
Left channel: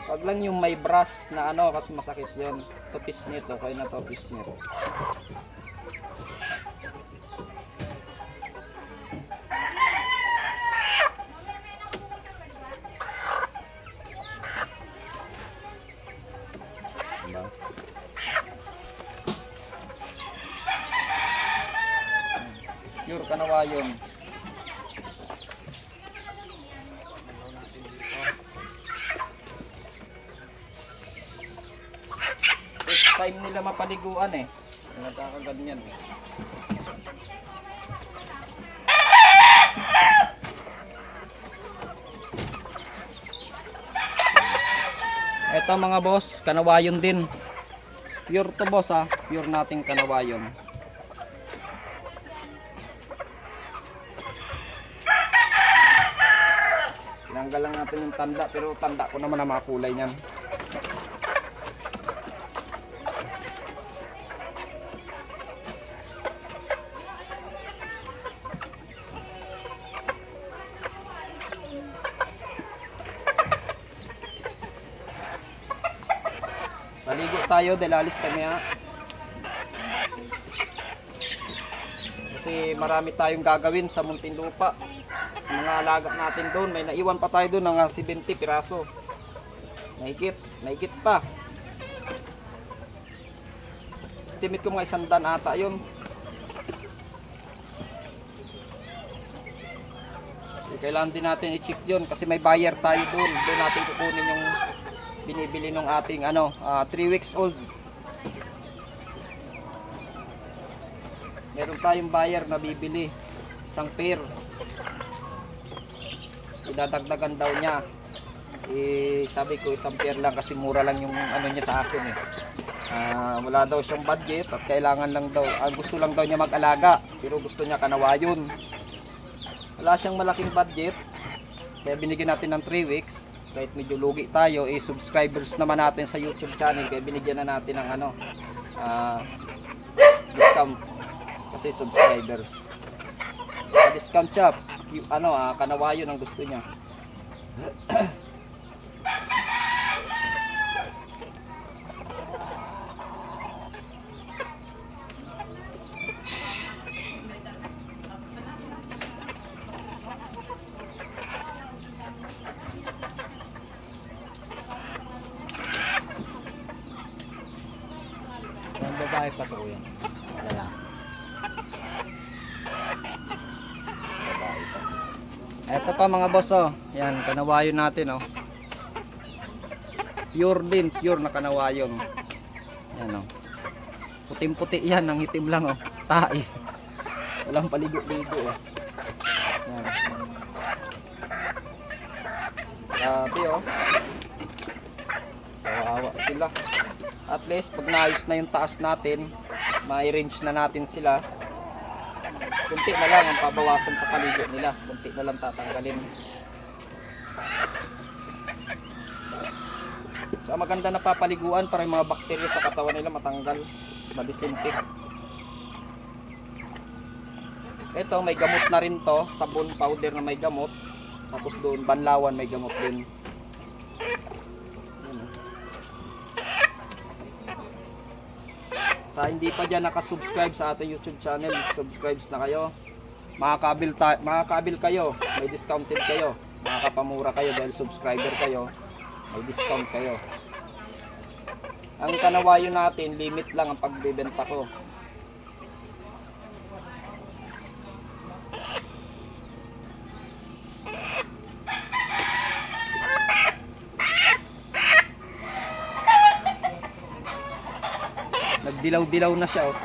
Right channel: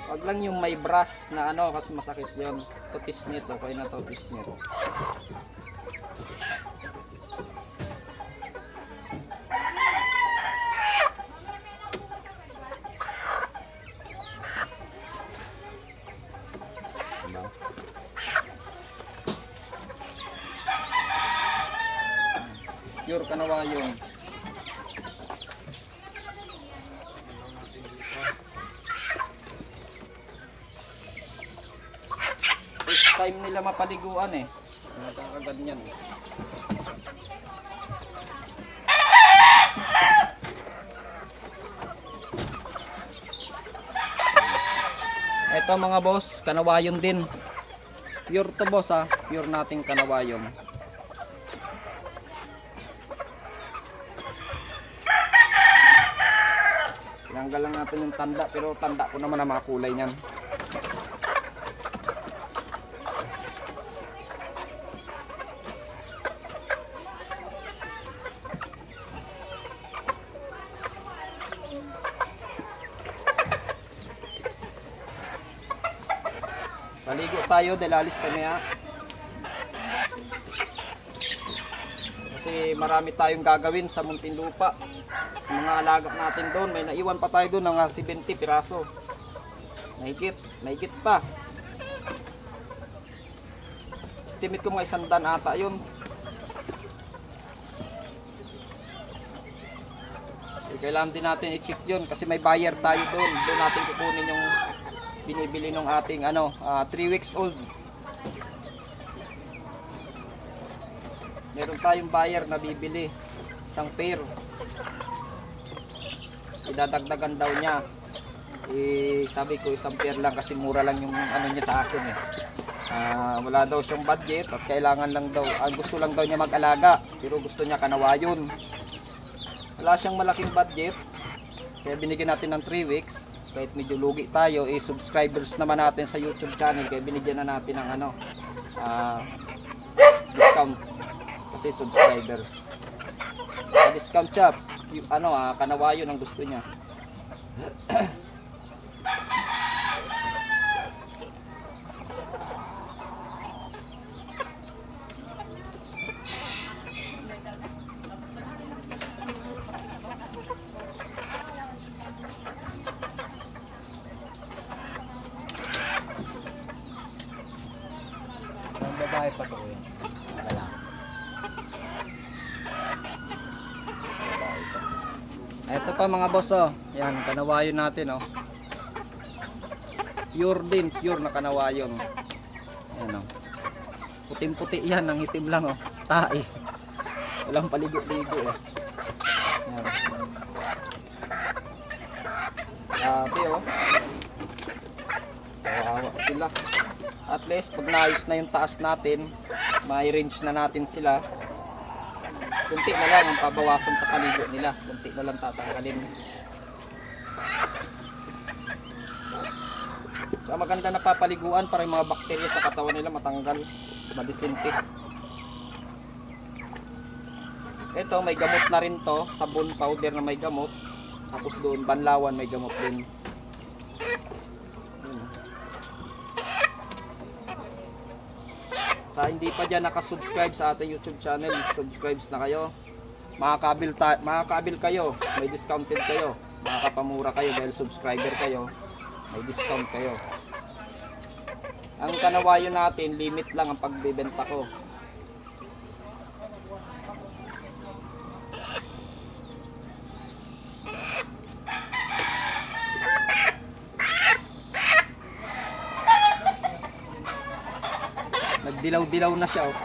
Wag lang yung may brush na ano kasi masakit yun. Ito pisnit, okay na to pisnit. Diba? Pure kanawayon. First time nila mapaliguan eh. Nagkakaganyan. Ito mga boss, kanawayon din. Pure to boss ha. Pure nating kanawayon. Tinanggal lang natin yung tanda, pero tanda ko naman ang mga kulay niyan. Paligo tayo dahil alis kami ha. Kasi marami tayong gagawin sa Muntinlupa. Mga alaga natin doon, may naiwan pa tayo doon ng 70 piraso. Mahigit pa. Estimate ko mga 100 ata yun. Kailangan din natin i-check yun kasi may buyer tayo doon. Doon natin kukunin yung binibili ng ating ano, 3 weeks old. Meron tayong buyer na bibili isang pair. idadagdagan daw niya. Sabi ko isang pair lang kasi mura lang yung ano niya sa akin eh. Wala daw siyang budget at kailangan lang daw, gusto lang daw niya mag-alaga, pero gusto niya kanawayon. Wala siyang malaking budget, kaya binigyan natin ng 3 weeks. Kahit medyo lugi tayo, subscribers naman natin sa YouTube channel, kaya binigyan na natin ng discount kasi subscribers. Discount siya, kanawayon ang gusto niya. Ang babae pa to yan. Wala. Ito pa mga boss oh. Yan, kanawayon natin oh. Pure din, pure na kanawayon. Yan oh. Puting-puti yan, ang itim lang oh. Tae. Walang paligo-ligo oh. Yan. Grabe oh. Kawawa sila. At least pag naayos na yung taas natin, may range na natin sila. Kunti na lang ang pabawasan sa paligo nila. Kunti na lang tatanggalin. So maganda na papaliguan para yung mga bakterya sa katawan nila matanggal, madisinfect. Ito may gamot na rin to, sabon powder na may gamot. Tapos doon banlawan may gamot din. Sa hindi pa dyan nakasubscribe sa ating YouTube channel, subscribe na kayo. Makakabil kayo, may discounted kayo. Makakapamura kayo dahil subscriber kayo, may discount kayo. Ang kanawayo natin, limit lang ang pagbebenta ko. Nagdilaw-dilaw na siya oh.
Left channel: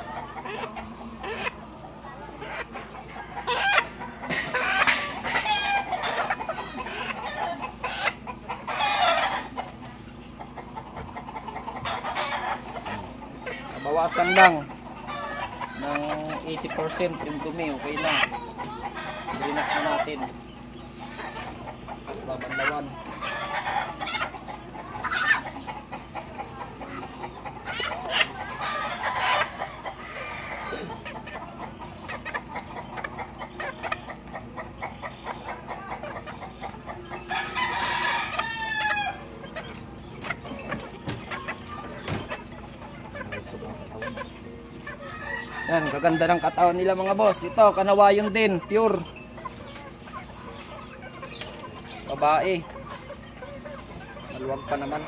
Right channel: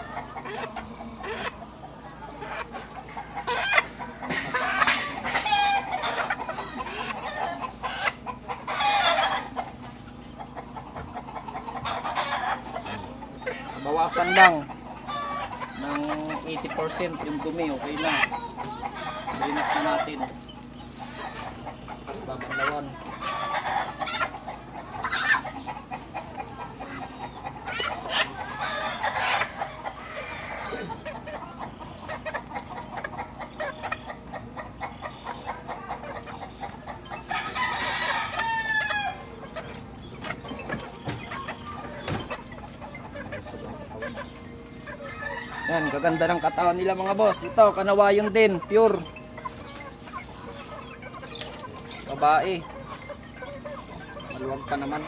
Bawasan lang ng 80% yung dumi, okay na. Drinas na natin. Tapos babanlawan. Yan, kaganda ng katawan nila mga boss. Ito, kanawayon din, pure. Babae. Maluwag pa naman.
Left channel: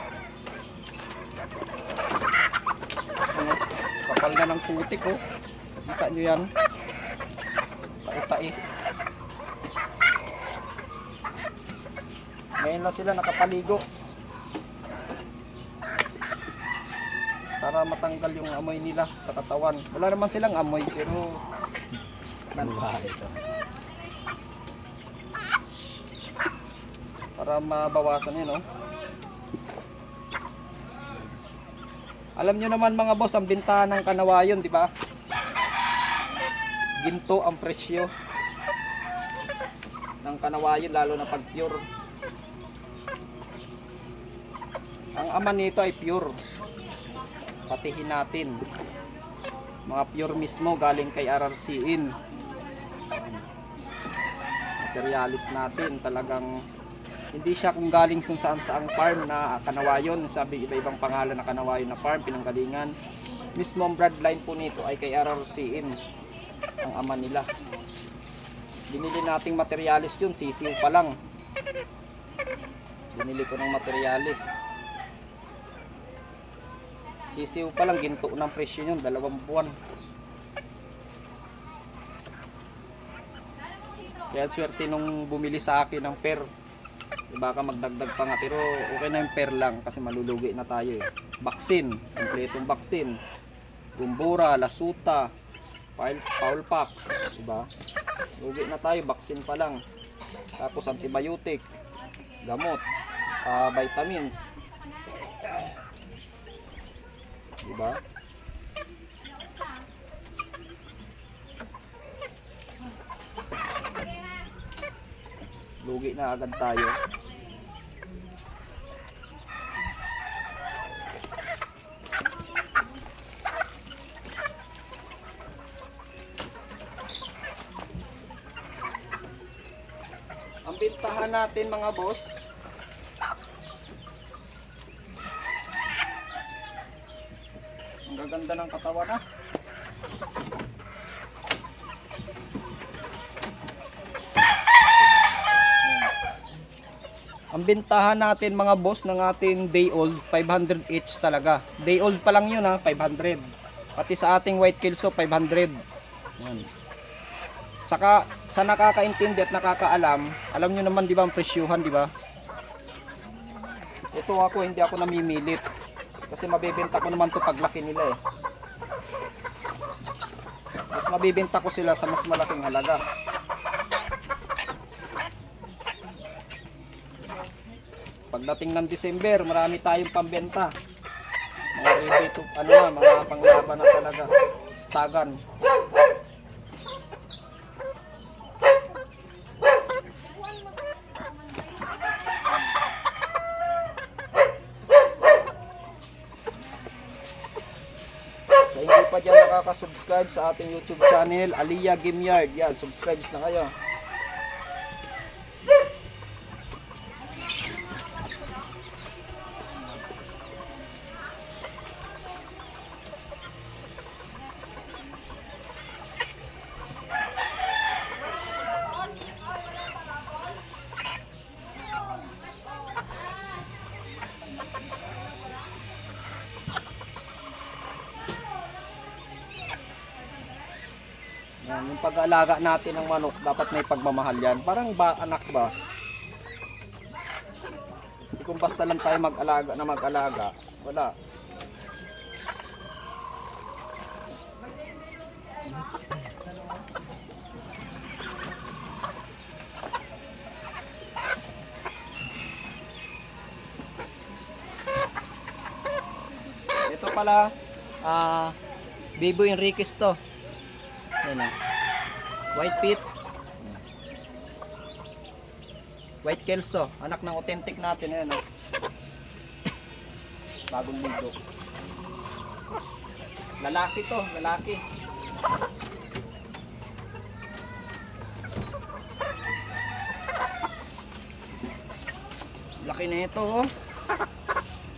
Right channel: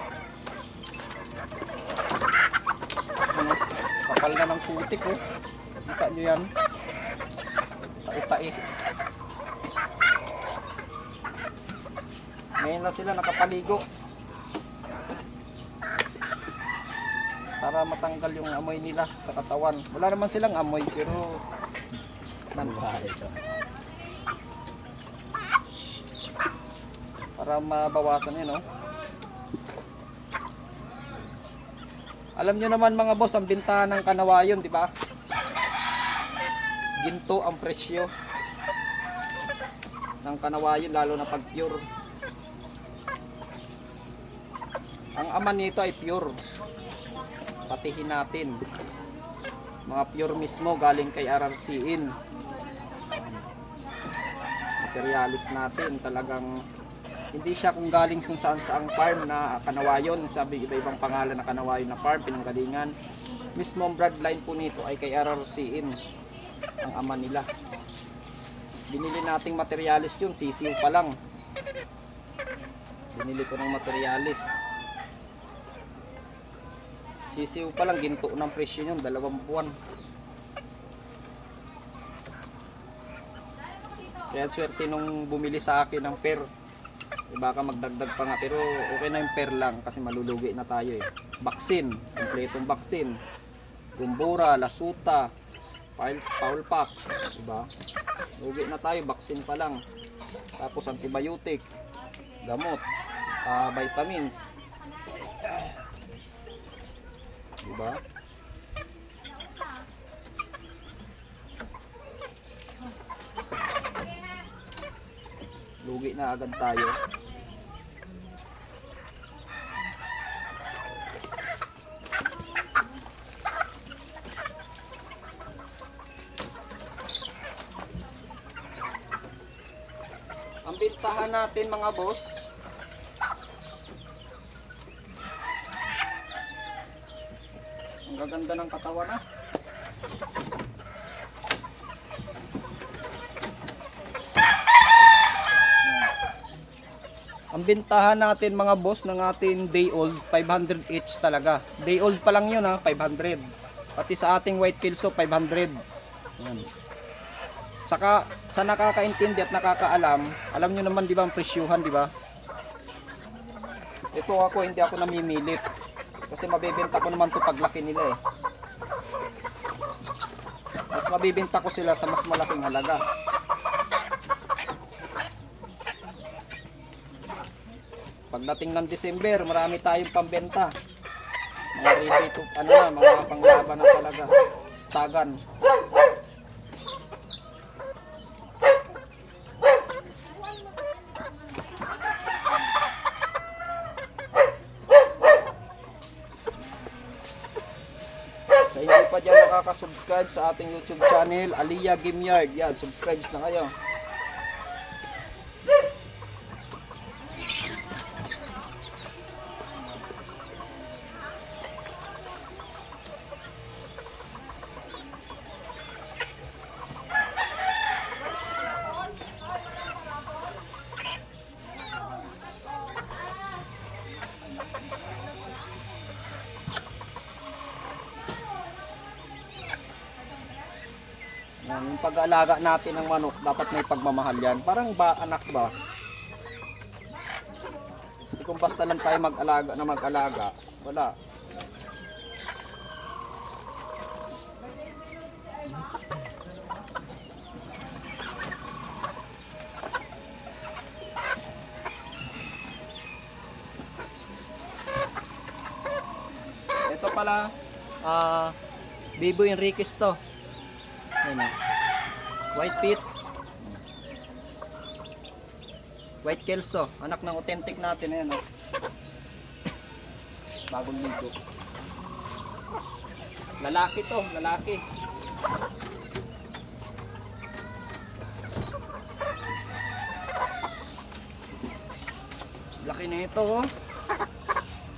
Ano, kapal na ng putik oh. Kita nyo yan. Pai-pai. Ngayon lang sila nakapaligo. Para matanggal yung amoy nila sa katawan. Wala naman silang amoy pero para mabawasan yun, no? Alam nyo naman mga boss, ang bintahan ng kanawayon, di ba? Ginto ang presyo ng kanawayon, lalo na pag pure. Ang ama nito ay pure. Patihin natin. Mga pure mismo, galing kay RRCin. Materialis natin, talagang hindi siya kung galing kung saan saang farm na kanawayon. Sabi iba-ibang pangalan na kanawayon na farm, pinanggalingan. Mismo ang bloodline po nito ay kay RRCin, ang ama nila. Binili nating materialis yun, sisiw pa lang. Binili ko ng materialis. Sisiw pa lang, ginto ng presyo yun, 2 buwan. Kaya swerte nung bumili sa akin ng pair. Baka magdagdag pa nga, pero okay na yung pair lang kasi malulugi na tayo eh. Vaccine, kompletong vaccine. Gumbura, lasuta, fowl pox, diba? Lugi na tayo, vaccine pa lang. Tapos antibiotic, gamot, vitamins. Diba? Lugi na agad tayo. Ang bintahan natin mga boss, ang gaganda ng katawan na. Ang bintahan natin mga boss ng ating day old 500 each talaga. Day old pa lang yun ha, 500. Pati sa ating white kelso 500. Yan. Saka sa nakakaintindi at nakakaalam, alam niyo naman 'di ba ang presyuhan, 'di ba? Ito ako hindi ako namimilit. Kasi mabebenta ko naman 'to paglaki nila eh. Mas mabibenta ko sila sa mas malaking halaga. Pagdating ng December, marami tayong pambenta. Mga ready to, mga panglaban na talaga. Stagan. Sa hindi pa dyan nakaka-subscribe sa ating YouTube channel, Aliyah Game Yard, yan, subscribe na kayo. Yan, yung pag-aalaga natin ng manok, dapat may pagmamahal yan. Parang ba, anak ba? Kung basta lang tayo mag-alaga na mag-alaga, wala. Ito pala, Bibo Enriquez to. Ayan o. White pit. White kelso. Anak ng authentic natin. Ayan o. Bagong ligo. Lalaki to. Lalaki. Laki na ito oh.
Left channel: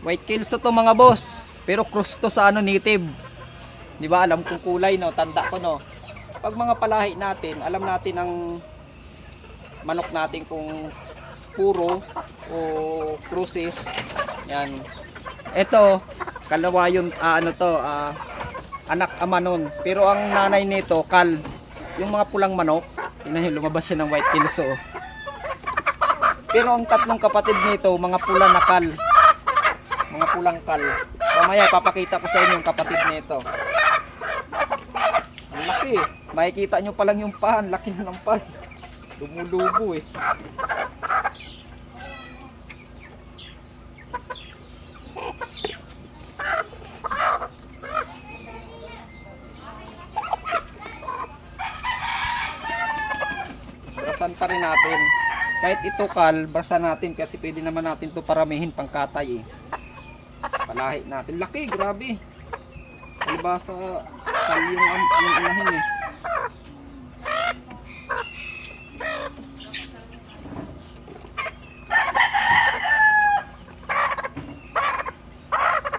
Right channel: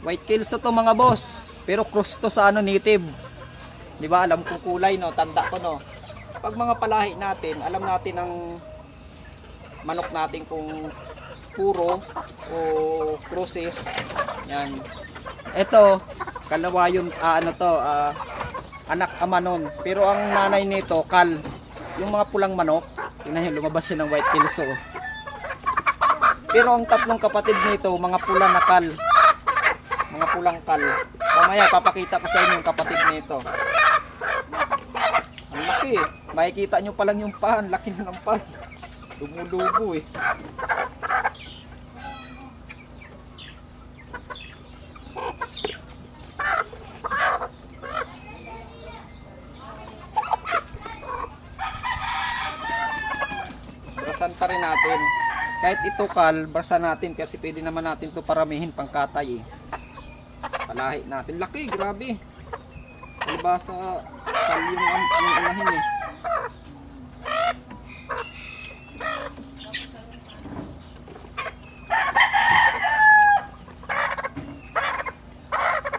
White kelso to mga boss. Pero cross to sa native. Di ba? Alam ko kulay no. Tanda ko no. Pag mga palahi natin, alam natin ang manok natin kung puro o crosses. Yan. Ito, kalawa yun, anak ama nun. Pero ang nanay nito, kal. Yung mga pulang manok, tingnan nyo, lumabas siya ng white kelso. Pero ang tatlong kapatid nito, mga pula na kal. Mga pulang kal. Mamaya, papakita ko sa inyo yung kapatid nito. Ang laki eh. Makikita nyo pa lang yung pan. Laki na ng pan. Lumulubo eh. Brasan pa rin natin. Kahit ito kal, brasan natin kasi pwede naman natin ito paramihin pang katay eh. Palahi natin. Laki, grabe. Diba sa kal yung unahin eh.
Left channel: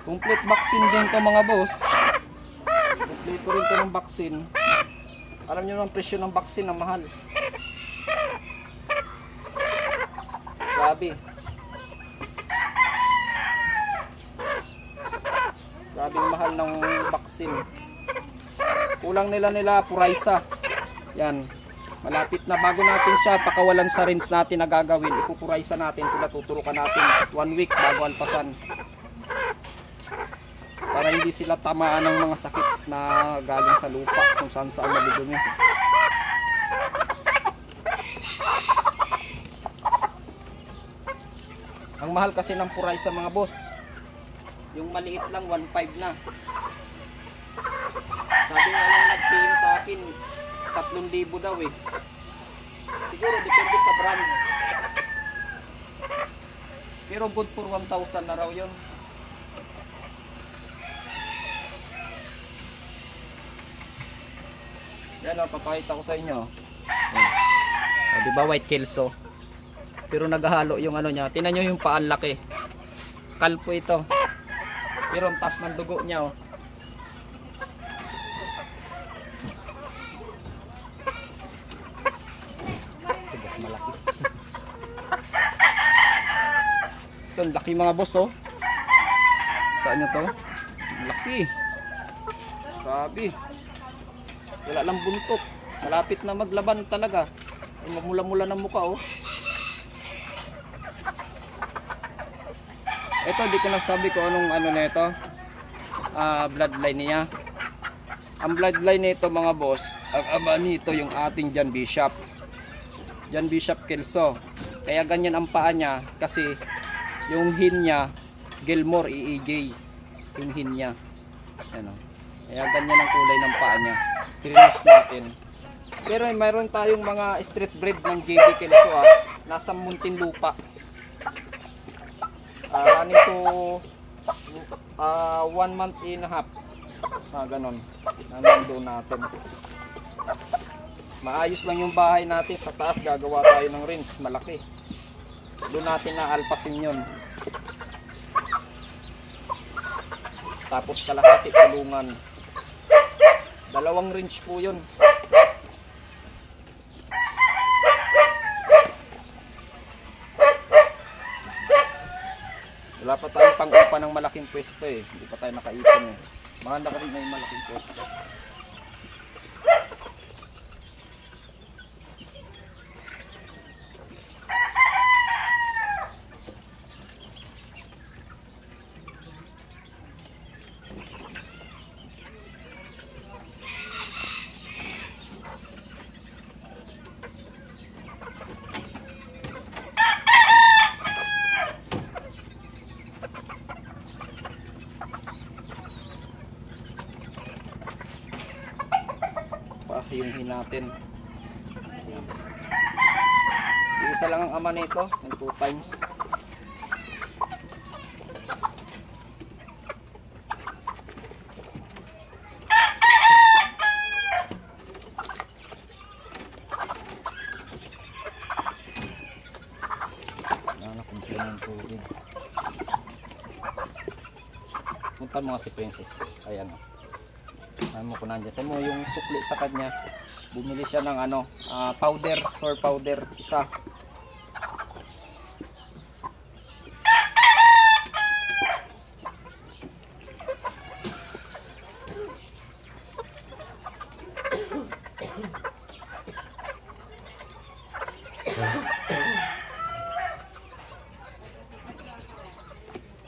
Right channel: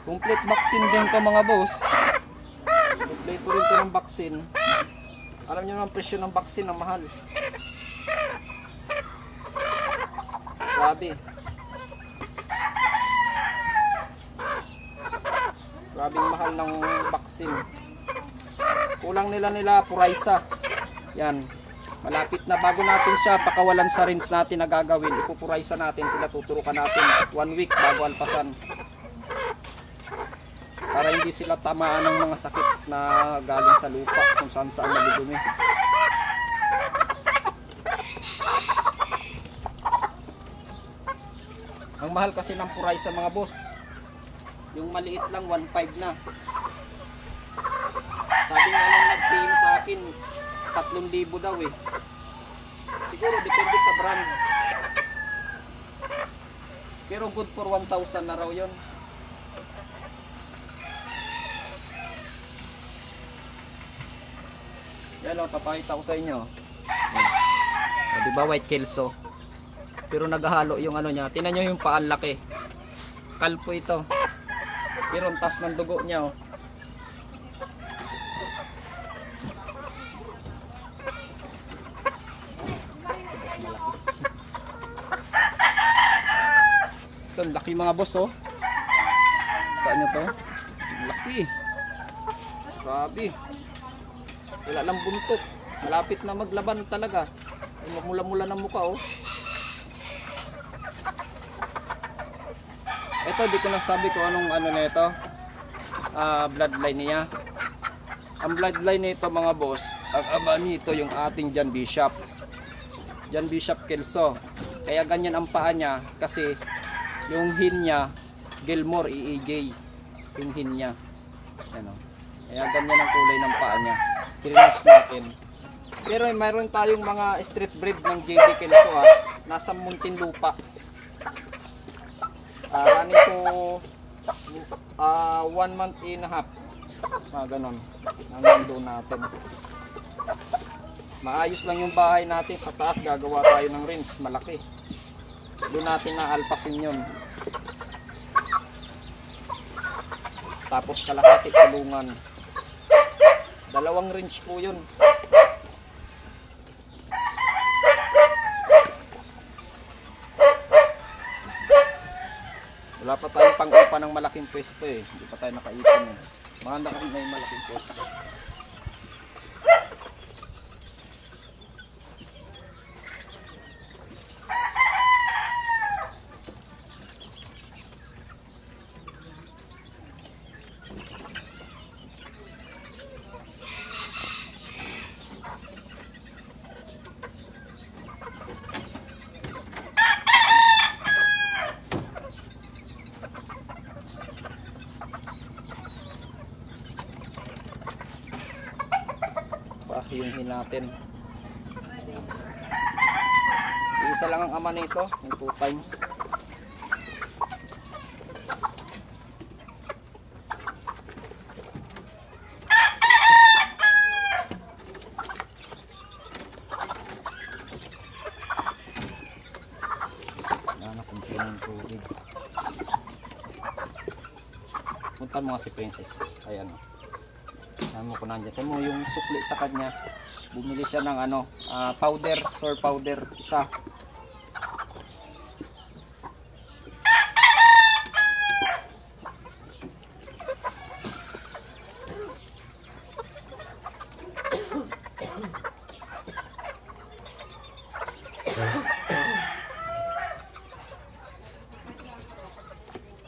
Complete vaccine din to mga boss. Complete rin to ng vaccine. Alam nyo naman presyo ng vaccine na mahal. Grabe. Grabe mahal ng vaccine. Kulang nila Puraysa. Yan. Malapit na bago natin siya pakawalan sa rinse natin na gagawin. Ipupuraysa natin sila, tuturukan natin 1 week bago alpasan. Para hindi sila tamaan ng mga sakit na galing sa lupa kung saan nabudumi. Ang mahal kasi ng puray sa mga boss. Yung maliit lang 1.5 na. Sabi nga nung nag-PM sa akin 3,000 daw eh. Siguro depende sa brand. Pero good for 1,000 na raw yun. Yan o, papakita ko sa inyo. O, diba white kelso? Pero naghahalo yung ano niya. Tingnan nyo yung paan laki. Kalpo ito. Pero ang taas ng dugo niya o. Ito, laki mga boss oh. Saan nyo to? Laki. Grabe. Wala lang buntot. Malapit na maglaban talaga. Mamula-mula ng mukha oh. Ito, di ko nasabi kung anong ano na ito. Bloodline niya. Ang bloodline nito mga boss, ang ama nito yung ating John Bishop. John Bishop Kelso. Kaya ganyan ang paa niya kasi yung hin niya Gilmore EAJ. Yung hin niya. Ano. Kaya ganyan ang kulay ng paa niya. Trinos natin. Pero mayroon tayong mga street breed ng JB Kelso nasa Muntinlupa. Running to 1 month and a half. Ganon. Nandun natin. Maayos lang yung bahay natin. Sa taas gagawa tayo ng rinse. Malaki. Doon natin na alpasin yun. Tapos kalahati kulungan. 2 rinse po yun. Wala pa tayong pang-upa ng malaking pwesto eh. Hindi pa tayo nakaipon eh. Maganda ka rin na yung malaking pwesto. Pahihin natin. Isa lang ang ama nito, yung 2 times. Nakakumpli ng tubig. Punta mo nga si Princess. Ayan o. Ano ko nandiyan. Sabi mo yung sukli sa kanya. Bumili siya ng ano, powder, sour powder, isa.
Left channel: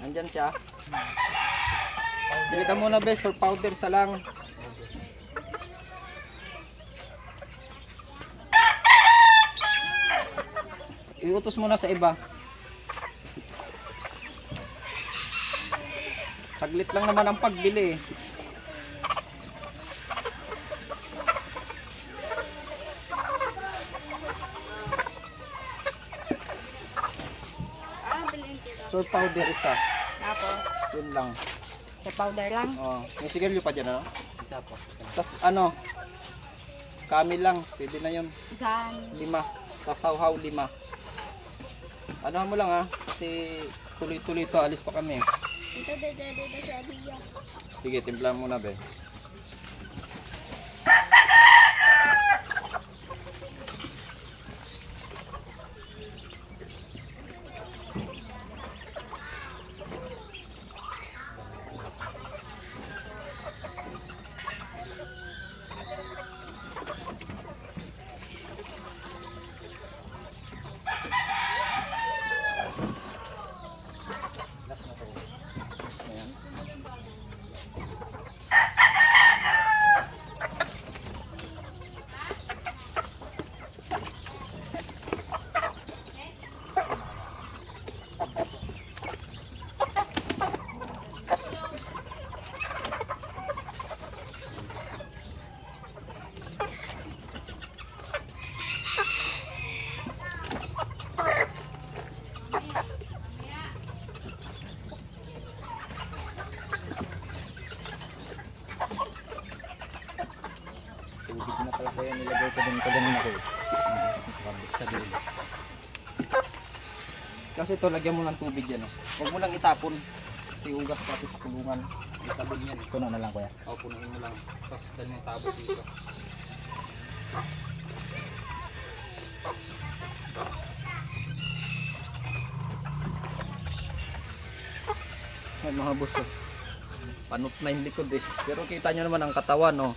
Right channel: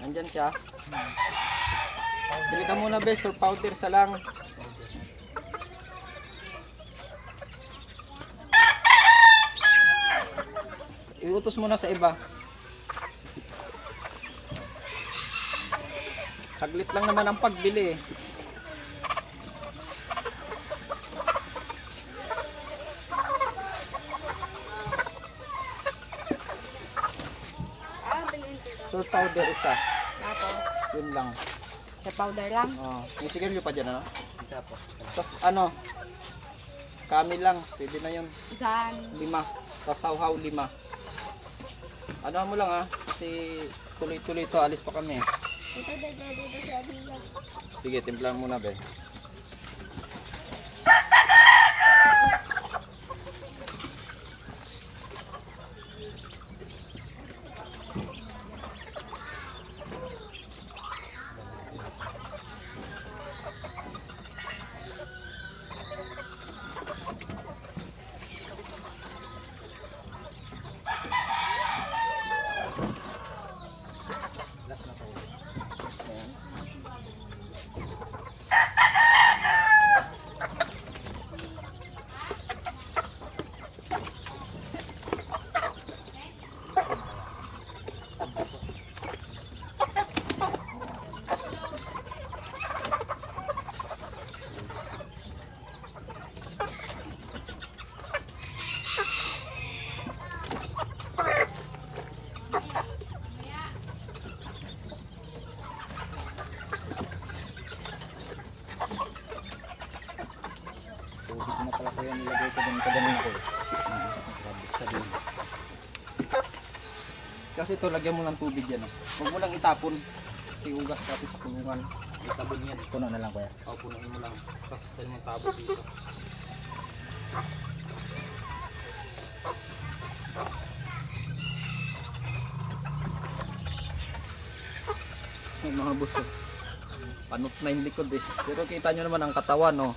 Nandiyan siya. Bili ka muna bes, sour powder sa lang. Iutos mo na sa iba. Saglit lang naman ang pagbili. Sour powder isa. Tapos, Yun lang. sa powder lang. Oh, may sigarilyo pa dyan ano? Isa po. Tapos ano? Kami lang, pwede na yun. Saan? 5. Kasawhaw 5. Ano mo lang kasi tuloy-tuloy to, alis pa kami. Dito sa Abia. Sige, timplahan muna be. Last na po. Ayan. Kaya nilagay ko din ganun ako. Sa dulo. Kasi ito, lagyan mo ng tubig yan. Oh. Huwag mo lang itapon. Kasi ugas natin sa kulungan. May sabon yan. Kuno na lang kuya. O, punuin mo lang. Tapos dahil mong tabo dito. Yan mga boss. Oh. Panot na yung likod eh. Pero kita nyo naman ang katawan. Oh.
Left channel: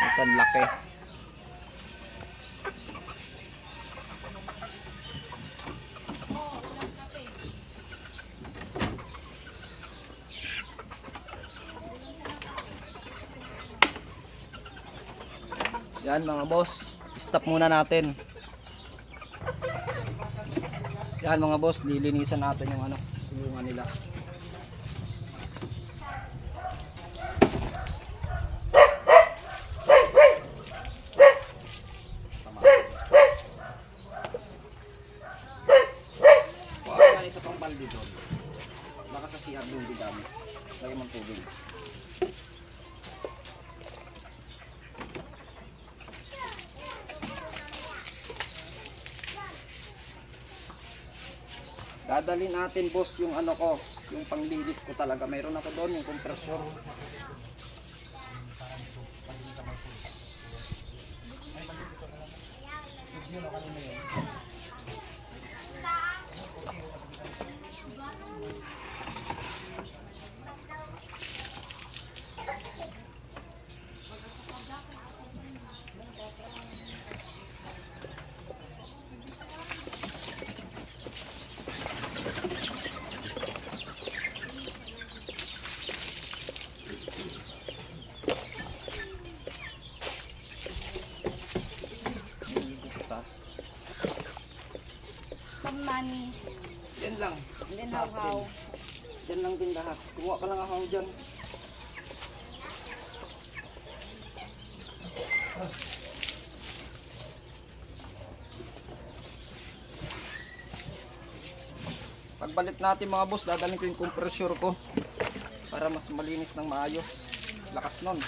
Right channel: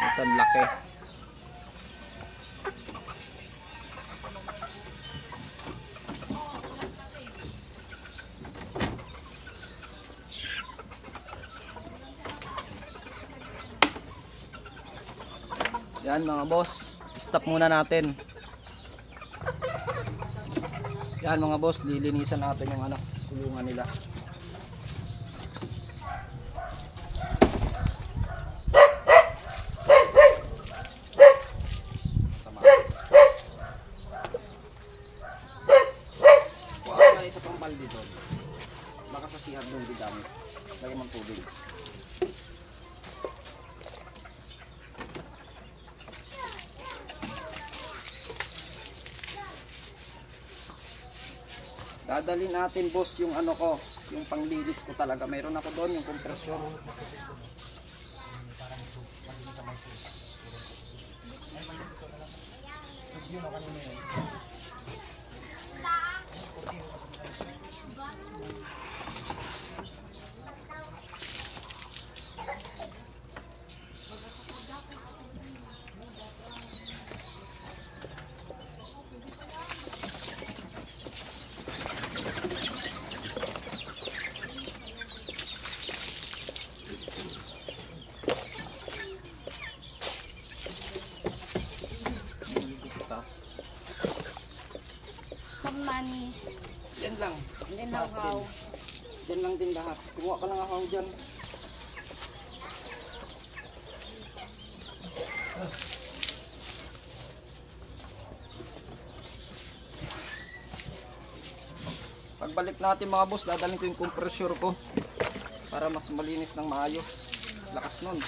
Ito ang laki. Yan mga boss, stop muna natin. Yan mga boss, lilinisan natin yung ano, kulungan nila. Tama. Kuha ka isa pang balde doon. Baka sa CR doon di gamit. Lagyan mong tubig. Dadalhin natin boss yung ano ko, yung panglinis ko talaga. Mayroon ako doon yung compressor. Money. Yan lang. Hindi na Taas din. Yan lang din lahat. Kumuha ka lang ako dyan. Pagbalik natin mga boss, dadalhin ko yung compressor ko para mas malinis ng maayos. Lakas nun.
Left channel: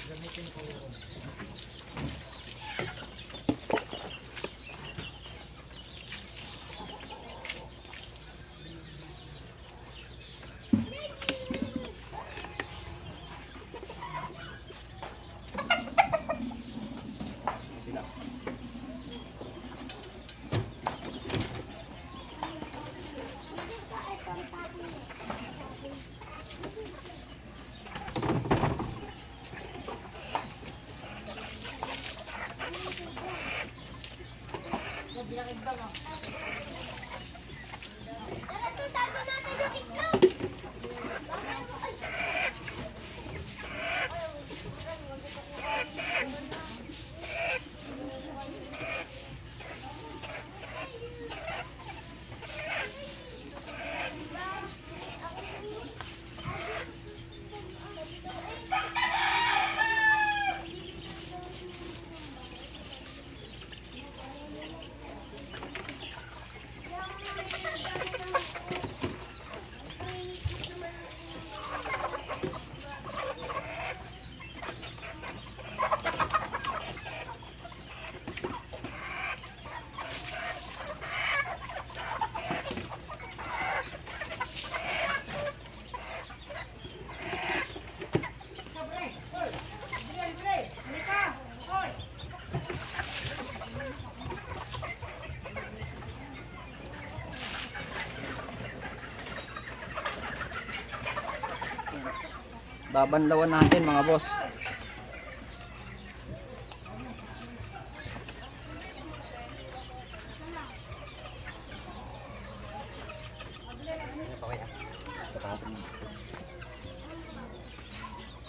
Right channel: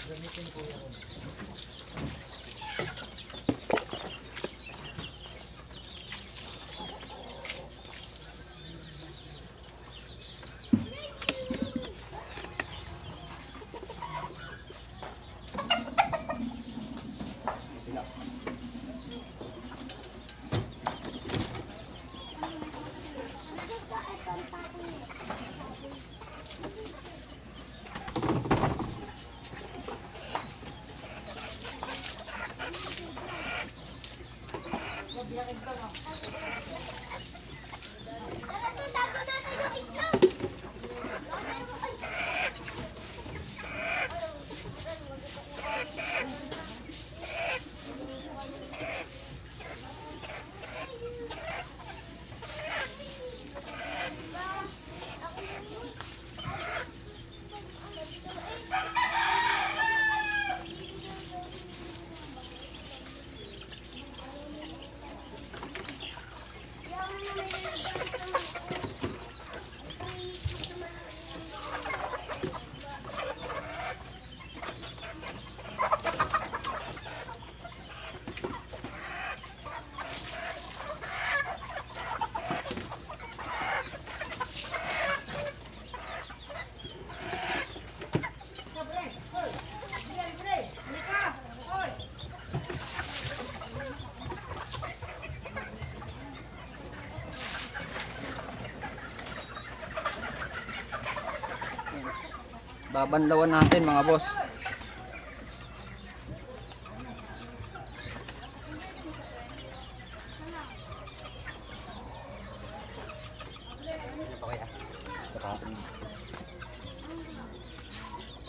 Babanlawan natin mga boss.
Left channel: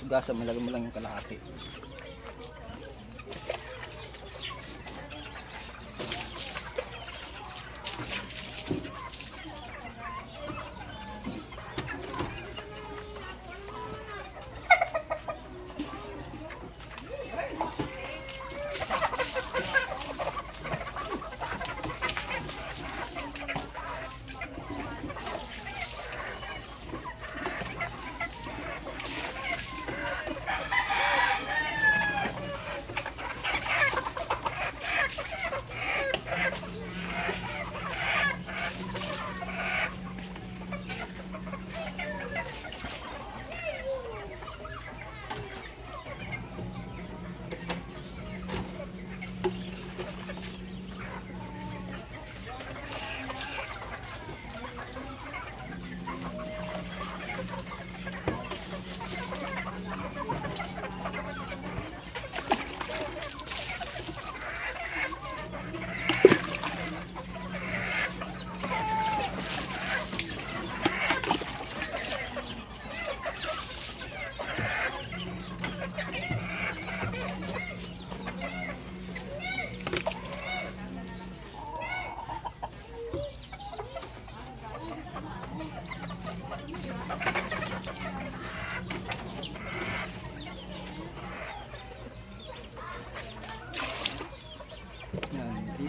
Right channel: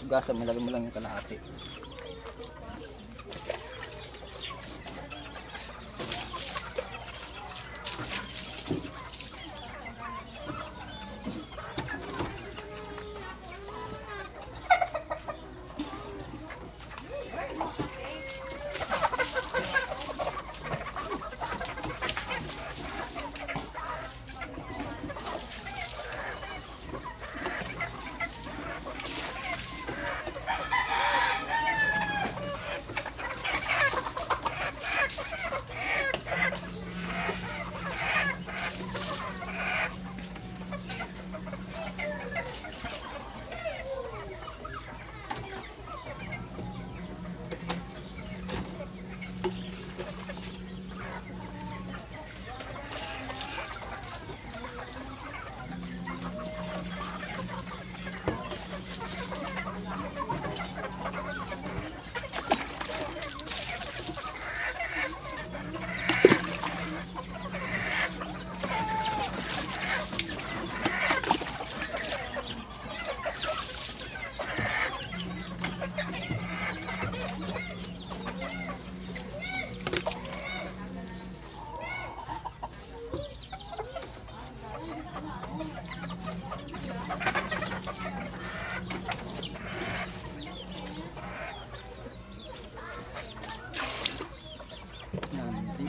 Gasa mo, lagyan mo lang yung kalahati.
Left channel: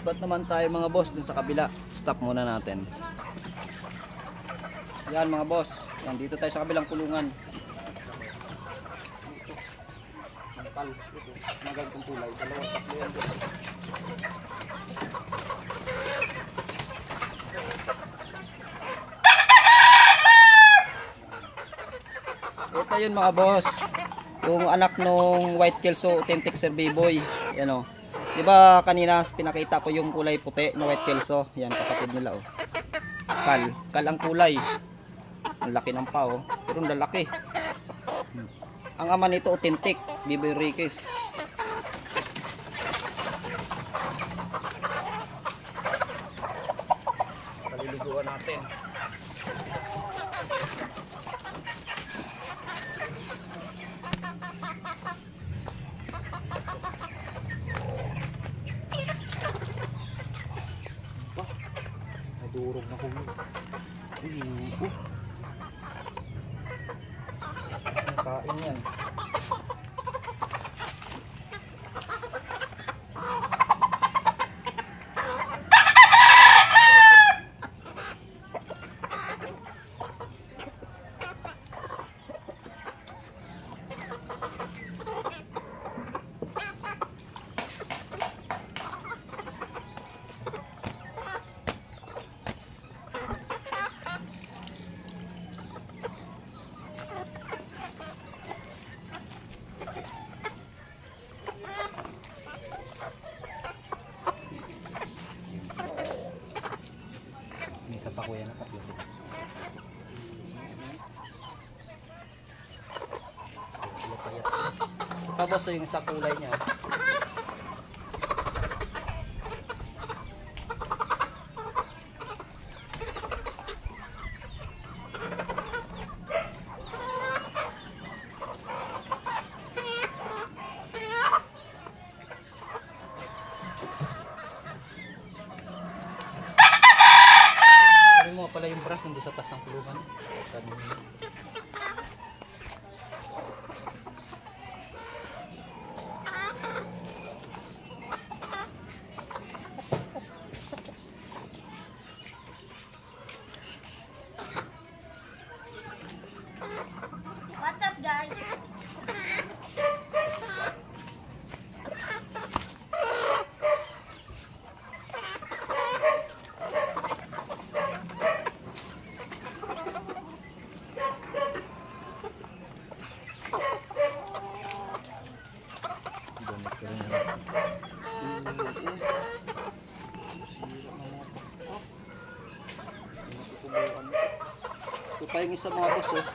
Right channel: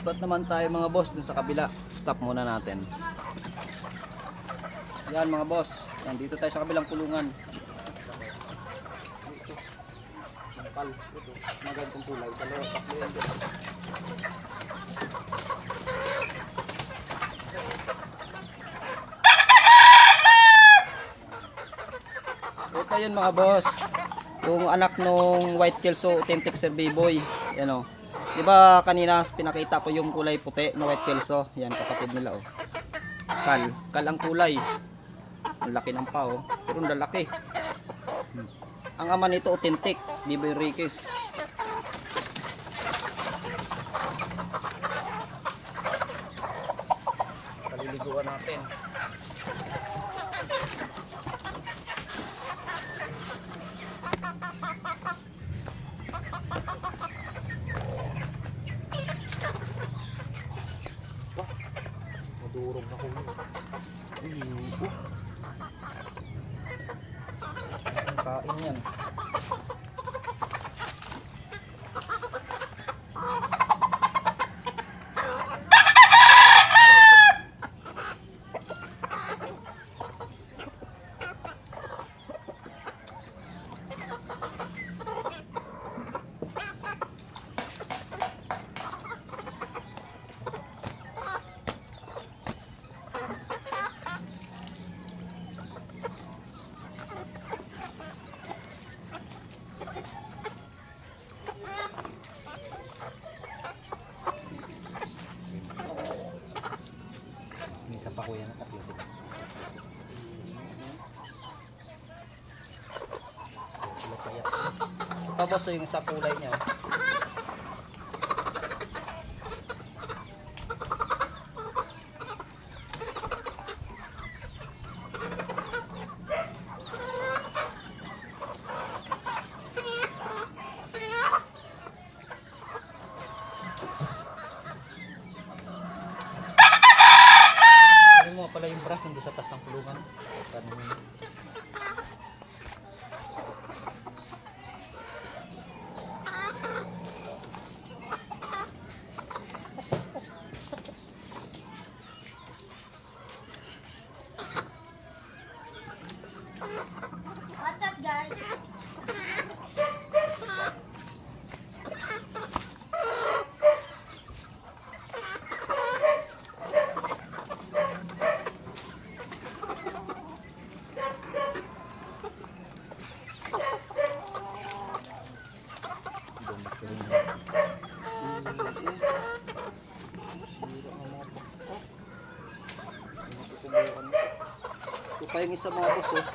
Lipat naman tayo mga boss dun sa kabila. Stop muna natin. Yan mga boss. Yan, dito tayo sa kabilang kulungan. Ito, magandang kulay. Dalawa, tatlo yan. Ito yun mga boss. Yung anak nung White Kelso Authentic Sir B-Boy. Yan o. Diba kanina pinakita ko yung kulay puti ng White Kelso. Yan kapatid nila o. Kal ang kulay. Ang laki ng pa o. Pero ang lalaki. Ang ama nito Authentic B-Boy Riquez. Paliliguan natin. Madurog na kulo. Ang kain yan. Isa pa kuya na tatlo. Ito boss yung sa kulay niya. Ano mo pala yung brush nandun sa taas ng kulungan? What's up, guys? Ito pa yung isa mga boss oh.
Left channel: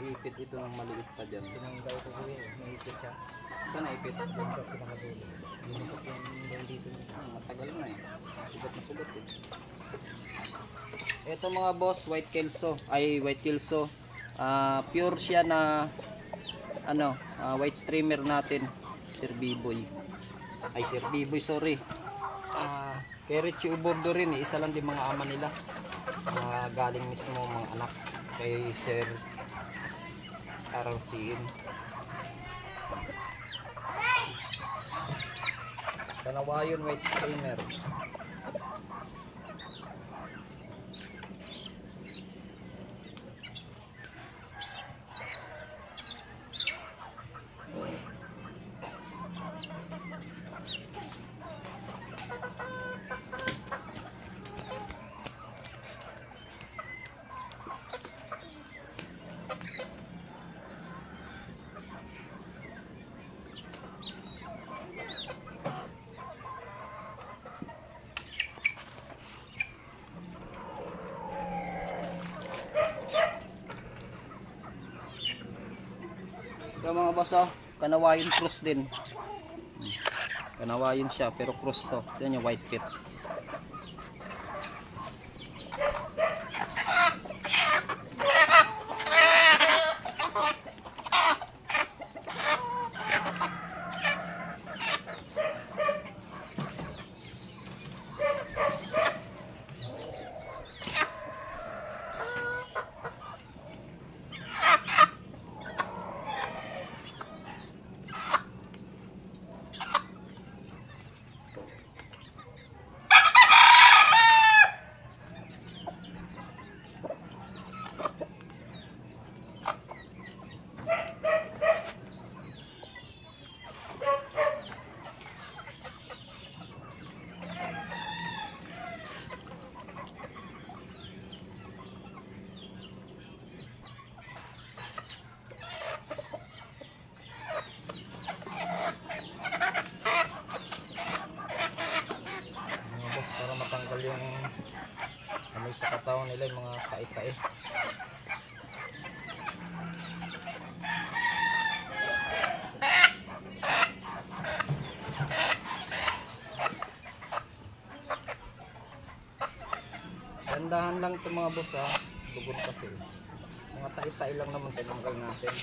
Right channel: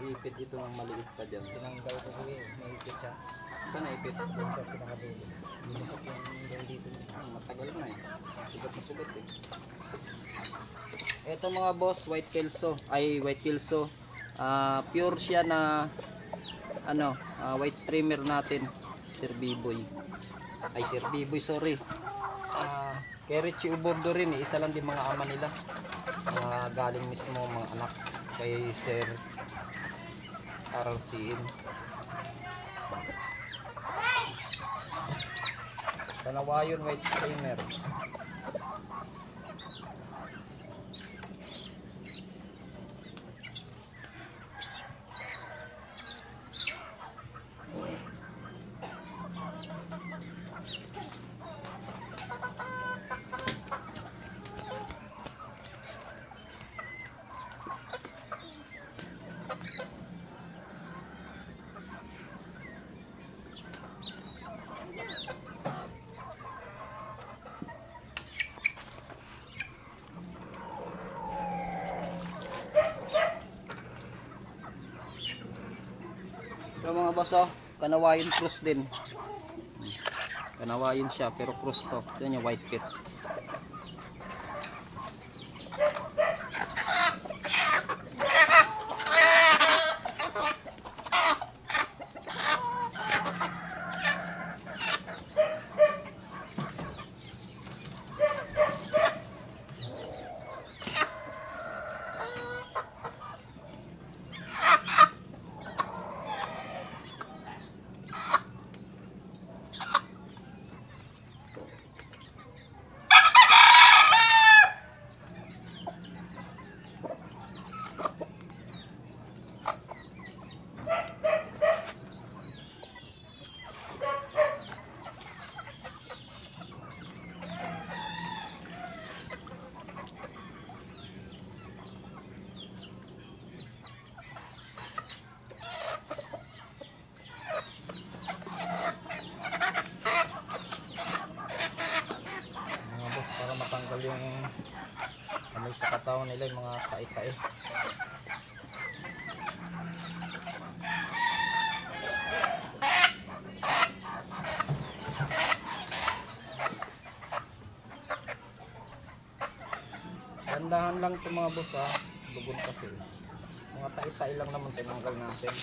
Naipit ito ng maliit pa dyan. Tinanggal ko kuya, naipit siya. Saan naipit? Doon sa pinakadulo. Binusok yung doon dito. Matagal na eh. Sugat na sugat eh. Ito mga boss, White Kelso. Ay, White Kelso. Pure siya na ano, white streamer natin. Sir B-Boy. Ay, Sir B-Boy, sorry. Kay Richie Ubordo rin eh. Isa lang din mga ama nila. Mga galing mismo mga anak. Kay Sir RLCN. Panawayon white streamer. Ito mga boss, oh, Kanawayan cross din. Kanawayan siya pero cross to. Ito yung white pit. Matanggal yung amoy sa katawan nila, yung mga tae-tae. Gandahan lang ito mga boss, ha. Lugon kasi mga tae-tae lang naman tinanggal natin.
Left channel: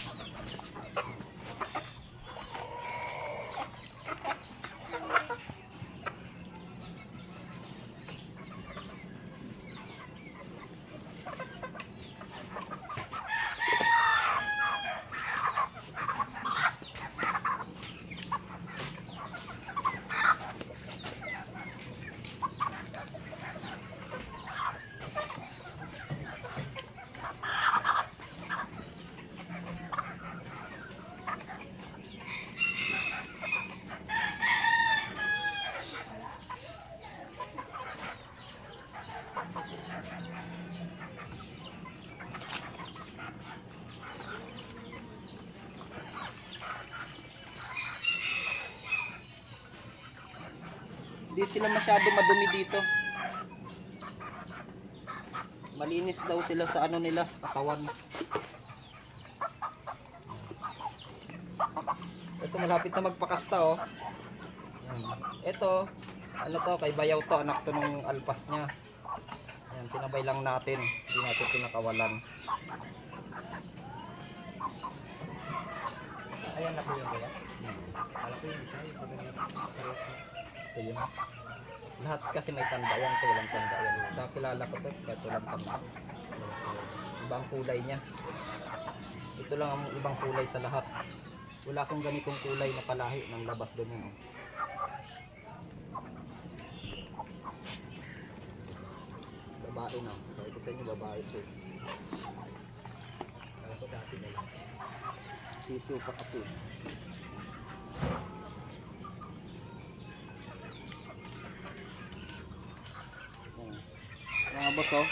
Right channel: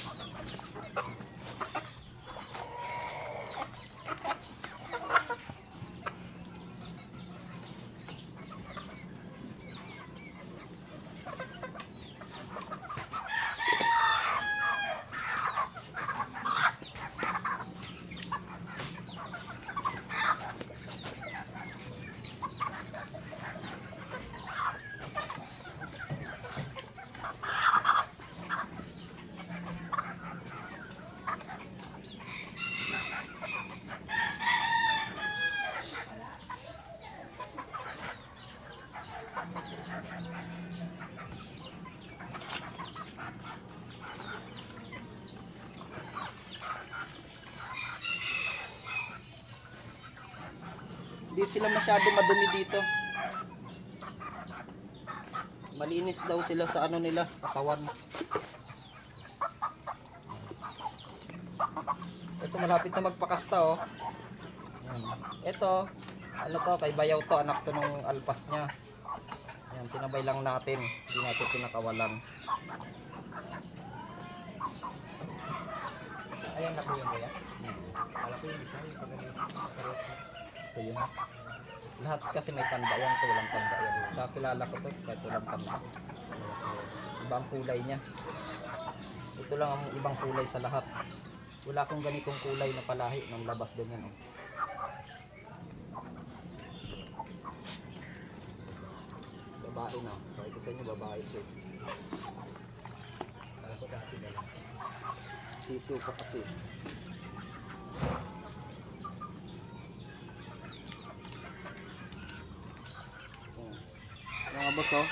Hindi sila masyado madumi dito. Malinis daw sila sa ano nila, sa katawan. Ito malapit na magpakasta, oh. Ito, ano to, kay Bayaw to, anak to nung alpas niya. Yan, sinabay lang natin, hindi natin pinakawalan. Ayan na po yung kaya. Kala ko yung isa, yung pag-ganito. Ito yun. Lahat kasi may tanda yan, ito walang tanda yan. Sa kilala ko to, kahit walang tanda. Ibang kulay niya. Ito lang ang ibang kulay sa lahat. Wala akong ganitong kulay na palahi ng labas din yan, oh. Babae na, sabi ko sa inyo babae ito. Kala ko dati na lang. Sisiw pa kasi. Mga boss, oh,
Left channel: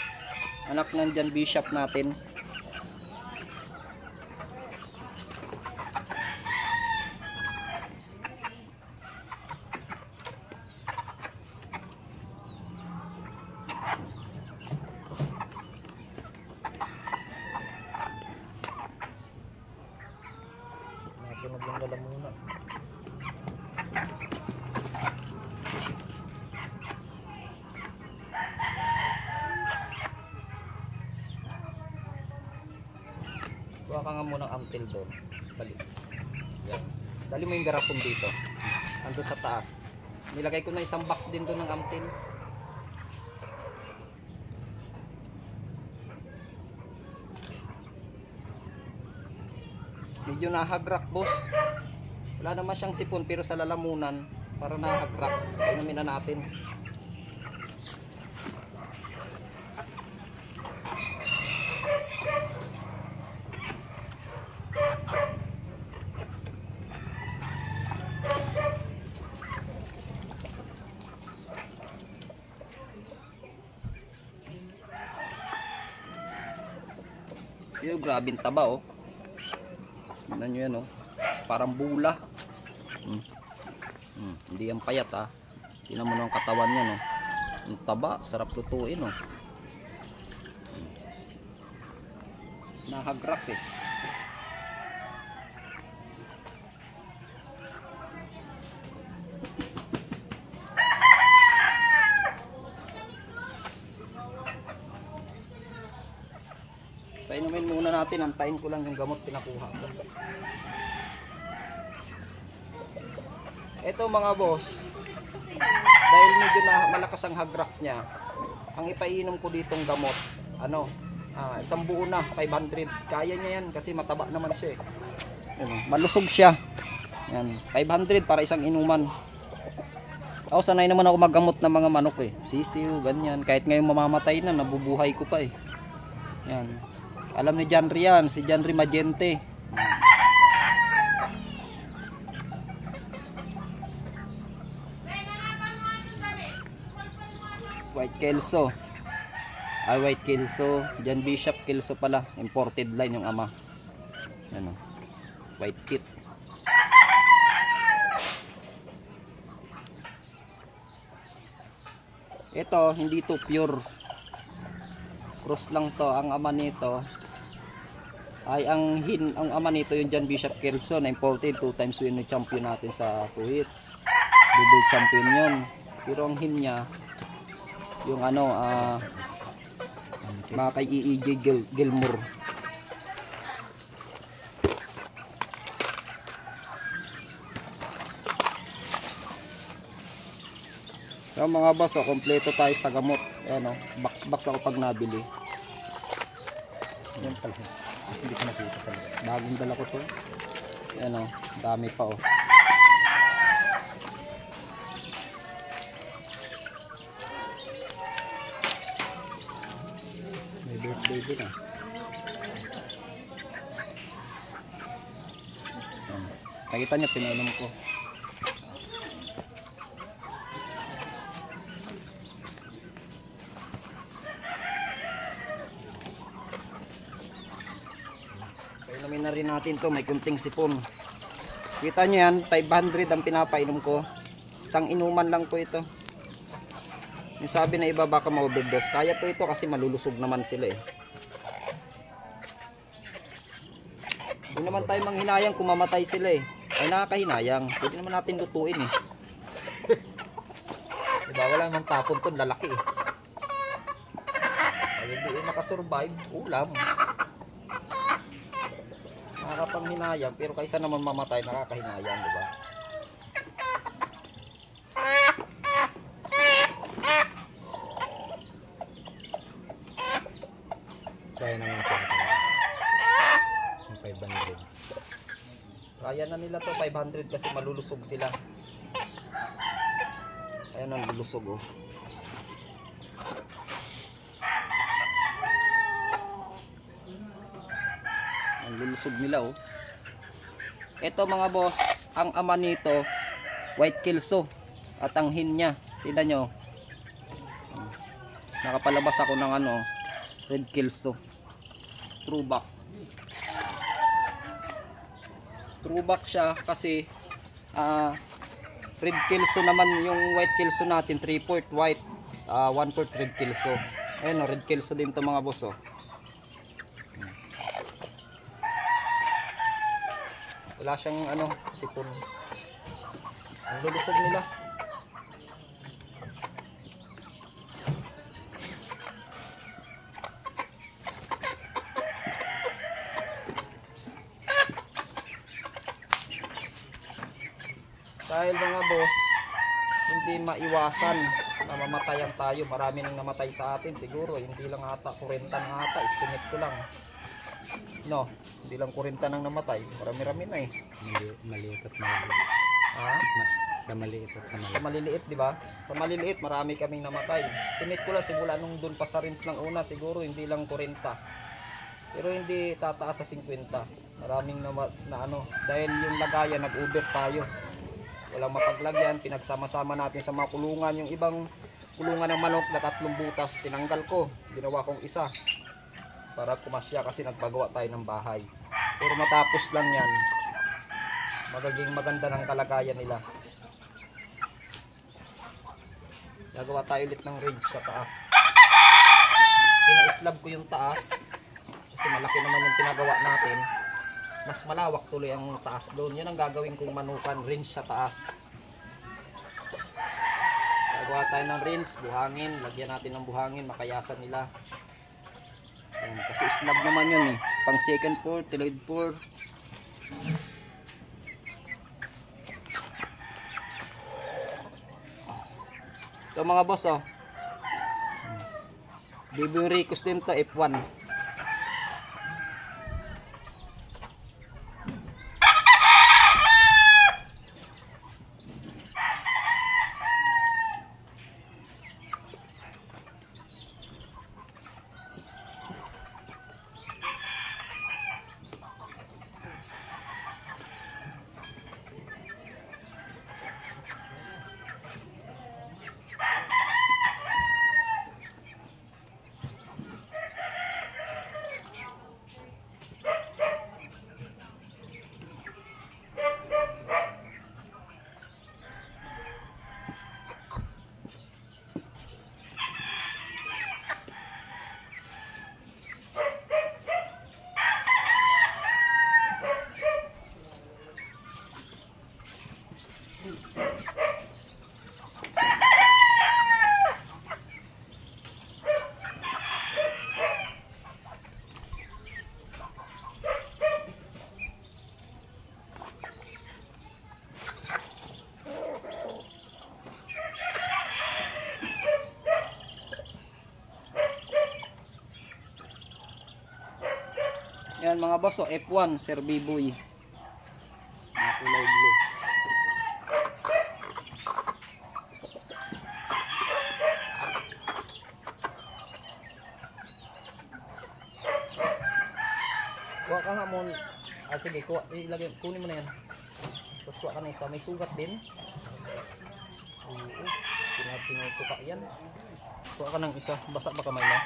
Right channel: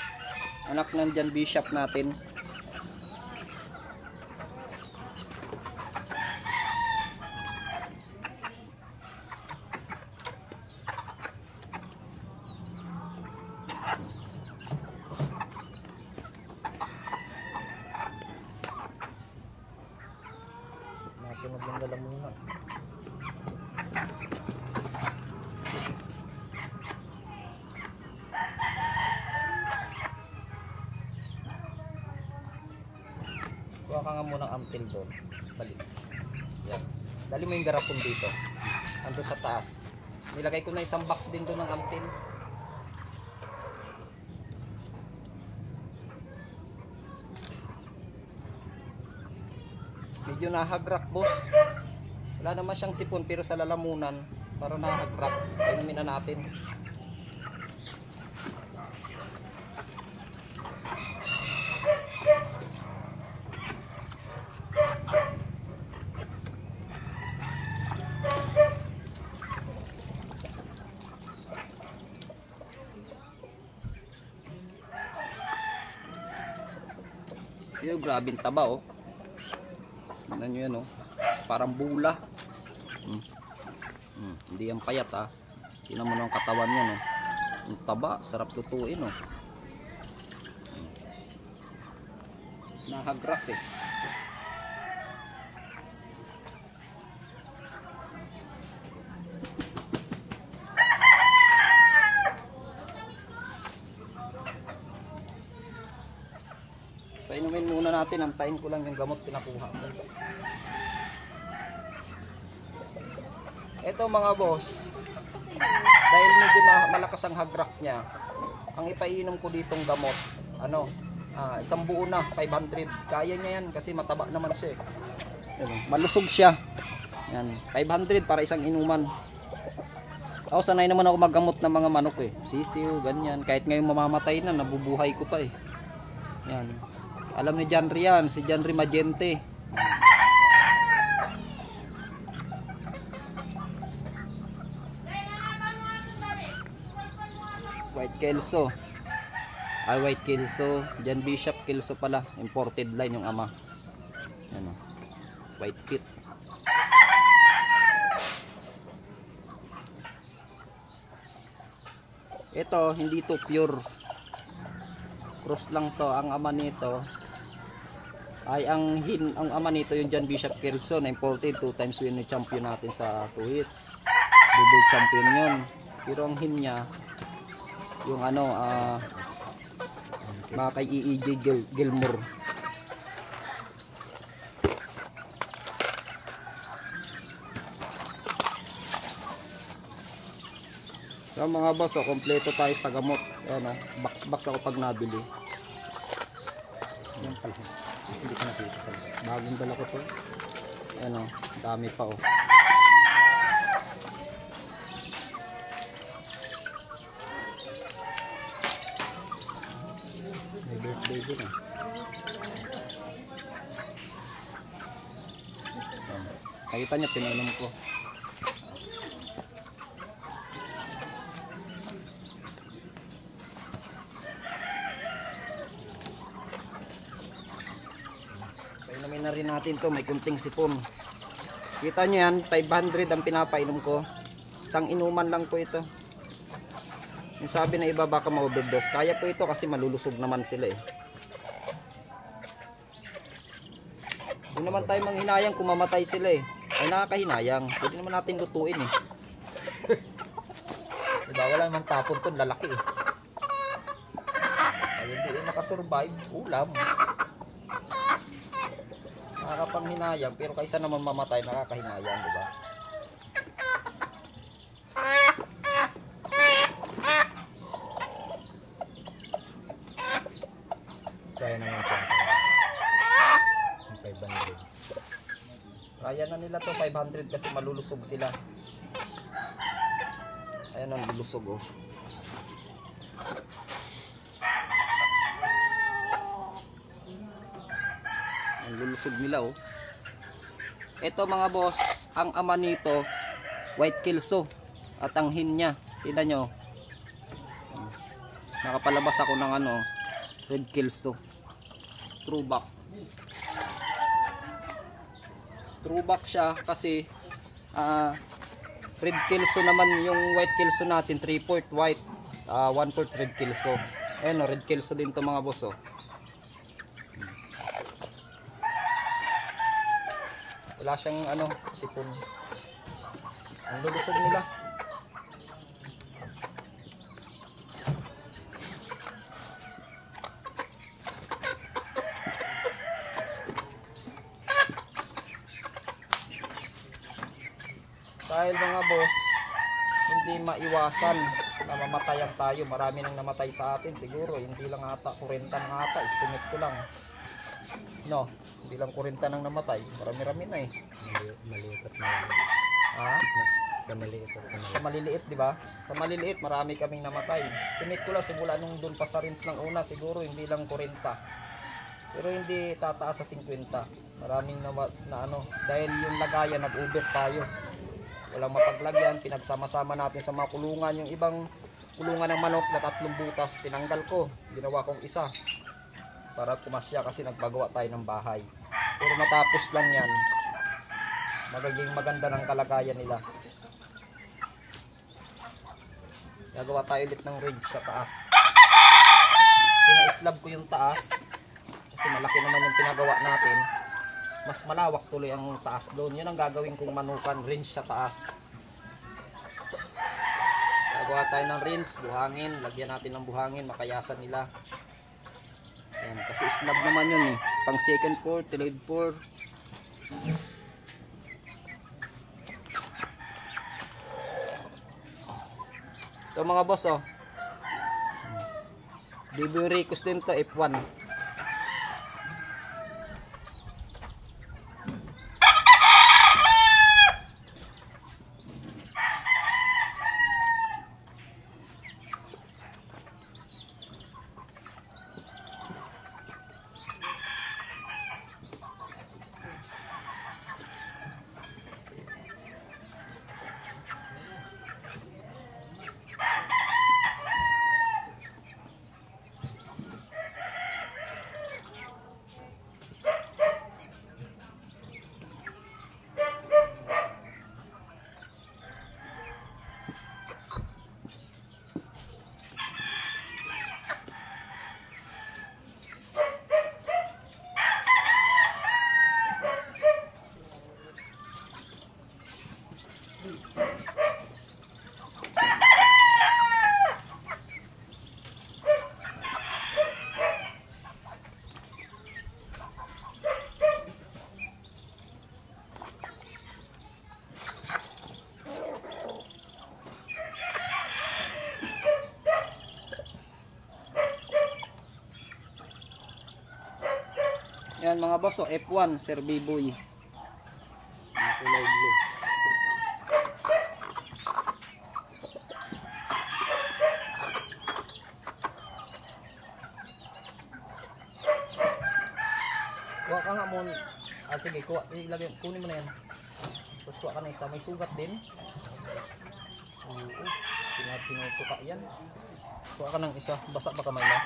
anak nandyan bishop natin. Natunog yung lalamunan. Kuha ka nga munang ampil doon. Balik. Yan. Dali mo yung garapon dito. Ando sa taas. Nilagay ko na isang box din doon ng ampil. Medyo nahagrak, boss. Wala naman siyang sipon pero sa lalamunan para nahagrak. Inumin na natin. Yung grabing taba, oh. Tignan nyo yan, oh. Parang bula. Hindi yan payat, ha. Tignan mo ng katawan yan, oh. Ang taba, sarap lutuin, oh. Nahagrak, eh. Painumin muna natin, antayin ko lang yung gamot pinakuha ko. Ito mga boss, dahil medyo malakas ang hagrak niya, ang ipainom ko ditong gamot, isang buo na, 500. Kaya niya yan kasi mataba naman siya eh. Malusog siya. Yan, 500 para isang inuman. Ako sanay naman ako maggamot ng mga manok eh. Sisiw, ganyan. Kahit ngayon mamamatay na, nabubuhay ko pa eh. Yan. Alam ni Janry yan, si Janry Magente. White Kelso. White Kelso. John Bishop Kelso pala. Imported line yung ama. Ano? White kit. Ito, hindi to pure. Cross lang to. Ang ama nito ay ang ama nito yung John Bishop Kelso na imported. 2 times yun yung champion natin sa 2 hits. Double champion yun. Pero ang hin niya yung mga kay EJ Gilmore. So mga boss, kompleto tayo sa gamot. Ayan box ako pag nabili. Yan pala. Hindi ko nakita sa Bagong dala ko to. Ayan dami pa oh. may birthday din ah. Nakita niyo, pinainom ko. Painumin na rin natin to, may kunting sipon. Kita nyo yan, 500 ang pinapainom ko. Isang inuman lang po ito. Yung sabi na iba baka ma-overdose, kaya po ito kasi malulusog naman sila eh. Hindi naman tayo manghinayang kung mamatay sila eh. Ay nakakahinayang, pwede naman natin lutuin eh. Diba, wala namang tapon to, lalaki eh. Ay hindi nakasurvive, ulam. Nakakapanghinayang, pero kaysa naman mamatay, nakakahinayang, diba? Kaya naman siya. Yung 500. Kaya na nila to 500 kasi malulusog sila. Ayan ang lulusog oh. Ang lulusog nila oh. Ito mga boss, ang ama nito White Kelso at ang hin niya, tingnan nyo. Nakapalabas ako ng Red Kelso. Trueback. Trueback siya kasi Red Kelso naman yung White Kelso natin, 3/4 white, 1/4 Red Kelso. Ayan Red Kelso din to mga boss oh. Wala siyang sipon. Ang lulusog nila. Dahil mga boss, hindi maiwasan na mamatayan tayo. Marami nang namatay sa atin siguro. Hindi lang ata 40 na ata, estimate ko lang. No, hindi lang 40 nang namatay. Marami-rami na eh. Maliit at maliit. Ha? Sa maliit at sa Sa maliit. maliliit, di ba? Sa maliliit, marami kaming namatay. Estimate ko lang simula nung doon pa sa rinse lang una, siguro hindi lang 40. Pero hindi tataas sa 50. Maraming dahil yung lagayan nag-over tayo. Walang mapaglagyan, pinagsama-sama natin sa mga kulungan. Yung ibang kulungan ng manok na 3 butas, tinanggal ko. Ginawa kong isa para kumasya kasi nagpagawa tayo ng bahay. Pero matapos lang yan, magiging maganda ng kalagayan nila. Gagawa tayo ulit ng ridge sa taas. Pina-slab ko yung taas kasi malaki naman yung pinagawa natin. Mas malawak tuloy ang taas doon. Yun ang gagawin kong manukan, rinse sa taas. Gagawa tayo ng rinse, buhangin. Lagyan natin ng buhangin, makayasan nila. Yan, kasi slab naman yun eh. Pang second floor, third floor. Ito mga boss oh. BB Ricos din to, F1. Yan mga boss, oh, F1 Sir B-Boy. Mga kulay blue. Kuha ka nga mo. Sige, kuha, ilagay, kunin mo na yan. Tapos kuha ka na isa, may sugat din. Oo, tinutuka yan. Kuha ka ng isa, basa ba kamay mo?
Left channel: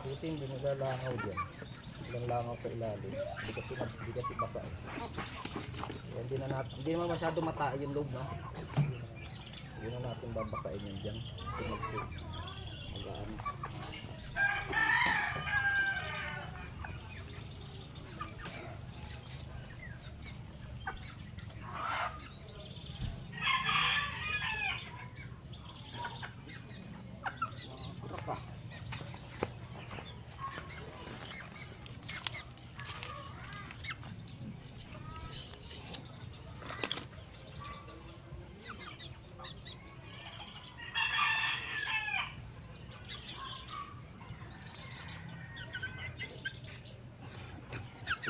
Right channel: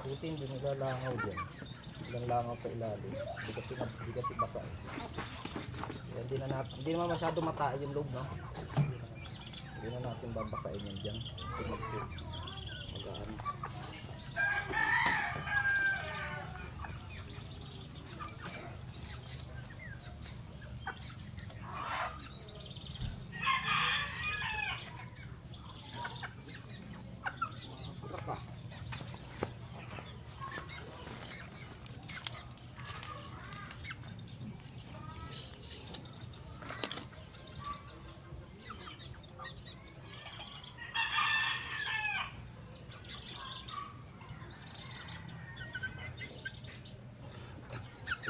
Buti hindi naglalangaw dyan. Ilang langaw sa ilalim. Hindi kasi basa eh. Hindi naman masyado matae yung loob, no? Hindi na natin babasain yun dyan. Kasi mag-aan.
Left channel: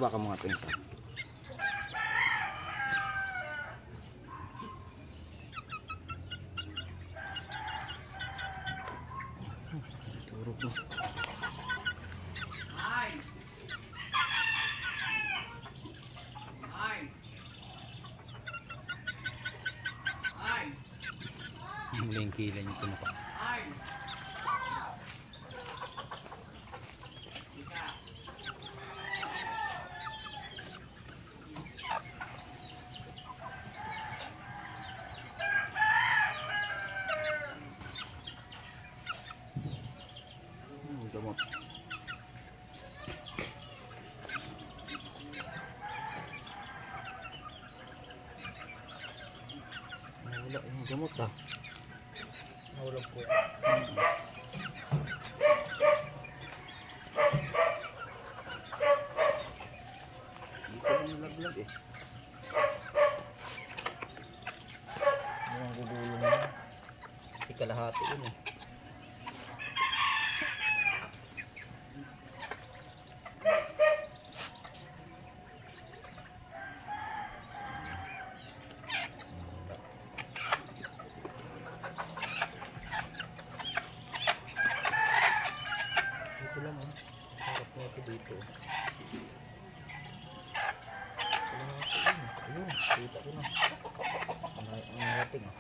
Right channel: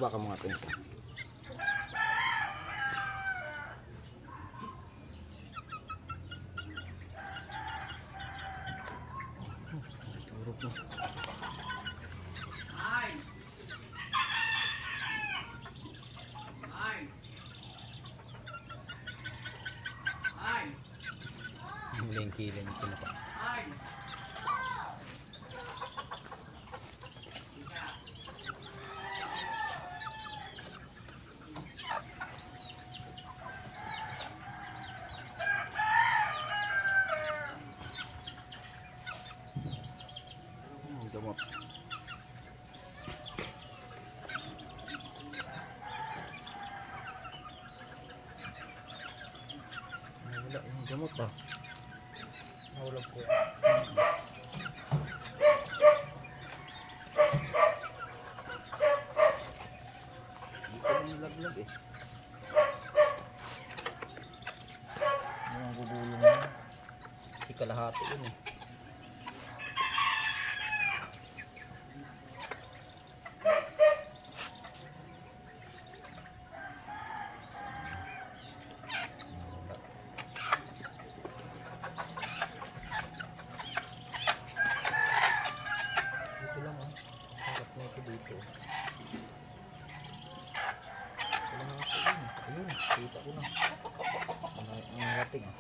Kuha ka mga pinsa. Turok mo. Kileng-kileng ito na pa. Gamot. Wala yung gamot ah. Nawala po yan. Dito parang nalaglag eh. Yung gugulong na. Ikalahati yun eh. Dito lang oh. Harap na ito dito. Kalahati yun. Ayun, kita ko na. Ang narating ah.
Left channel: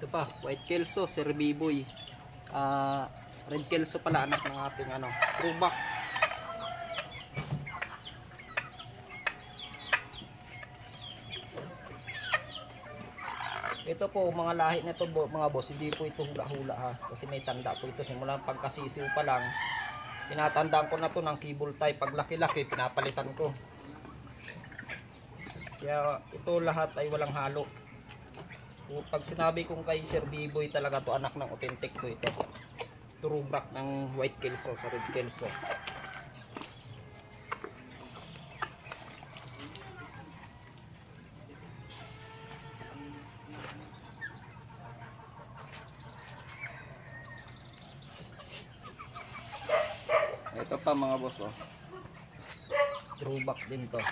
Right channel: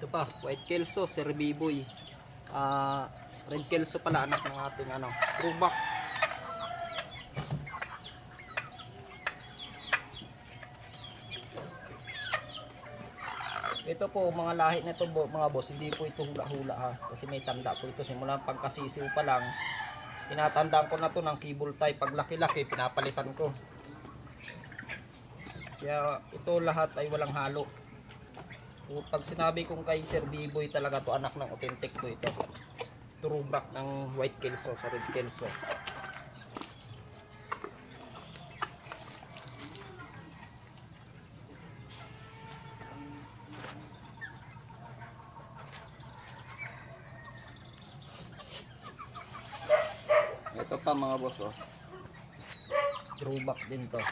Ito pa, white kelso, Sir Biboy. Red kelso pala, anak ng ating ano, throwback. Ito po mga lahi na ito mga boss, hindi po ito hula-hula ha, kasi may tanda po ito simula pagkasisiw pa lang. Tinatandaan ko na to ng cable tie, pag laki-laki pinapalitan ko. Kaya ito lahat ay walang halo. Pag sinabi kong kay Sir Biboy talaga to, anak ng authentic to ito. Throwback ng white kelso sa red kelso. Ito pa mga boss oh. Throwback din to.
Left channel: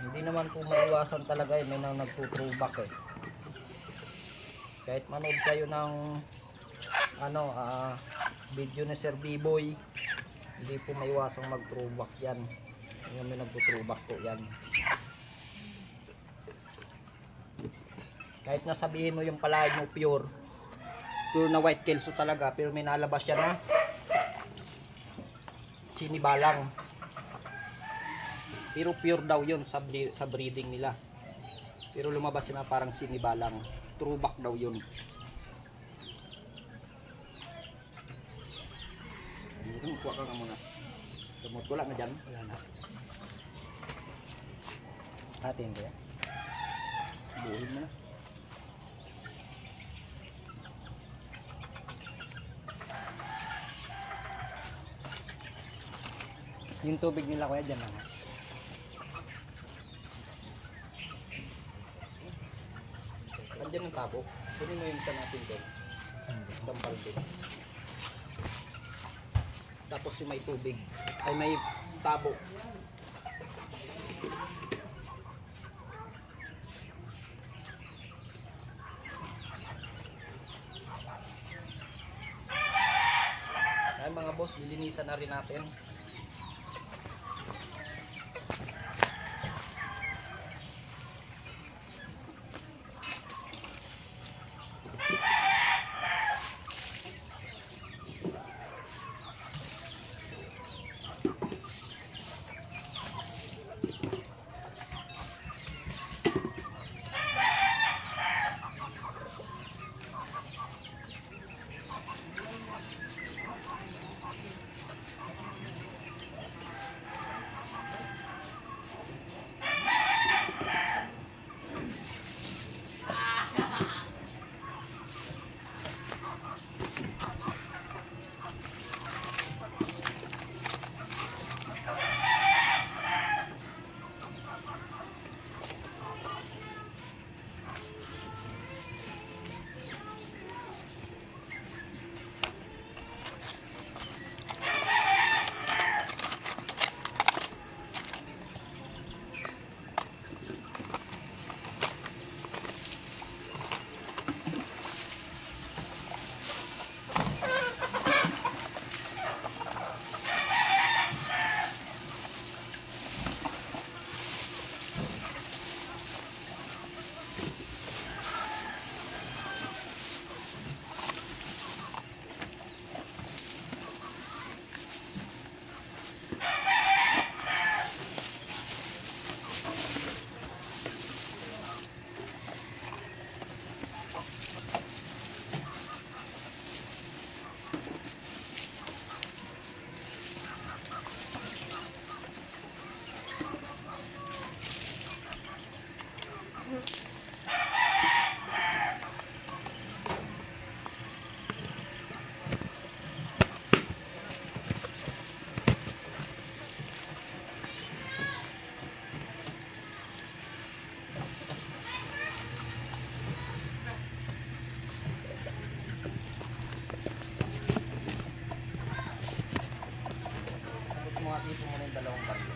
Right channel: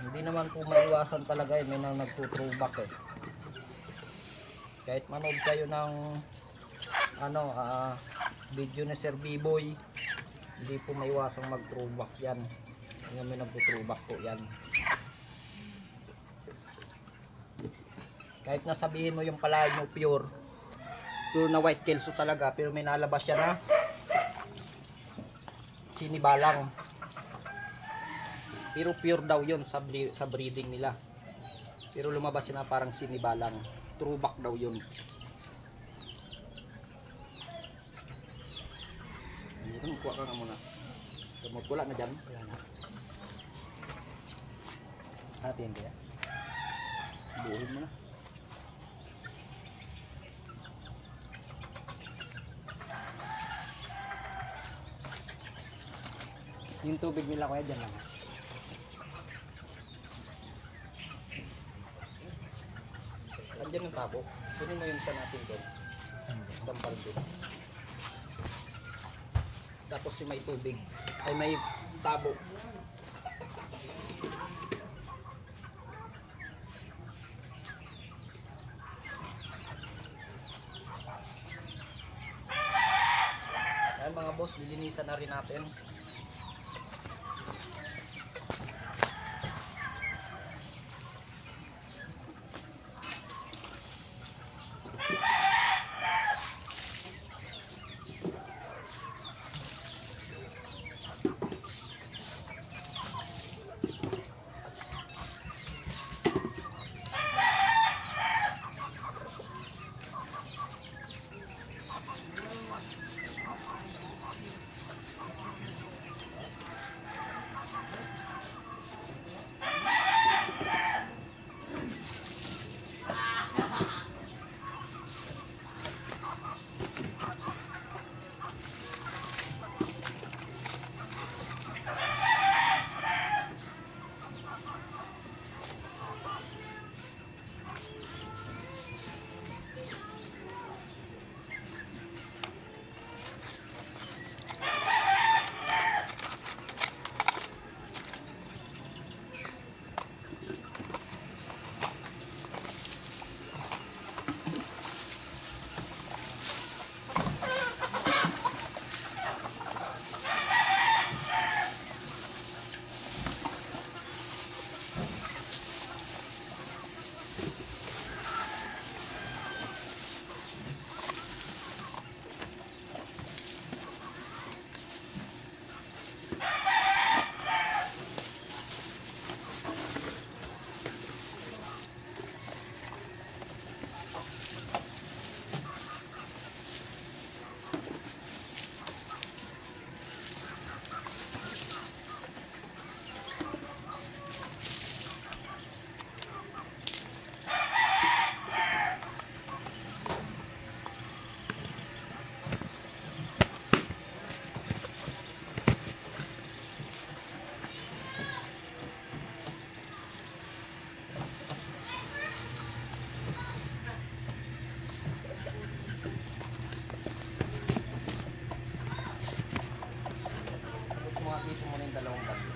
Hindi naman po maiwasan talaga eh, may nang nagtuthrowback eh. Kahit manood kayo ng ano, video ni Sir Biboy, hindi po maiwasang mag-throwback yan. Yung may nagtuthrowback po yan. Kahit nasabihin mo yung palayan mo pure na white kelso talaga, pero may nalabas siya na sinibalang. Pero pure daw yun sa breeding nila. Pero lumabas siya na parang sinibalang. Throwback daw yun. Kuha ka nga muna. Gamot wala na dyan. Wala na. Atin kaya. Buhin mo na. Yung tubig nila kuya dyan lang. Nandiyan ang tabo. Kunin mo yung isa natin doon. Sampal doon. Tapos yung may tubig. Ay may tabo. Ay mga boss, lilinisan na rin natin. Bumati po muna yung dalawang baryo.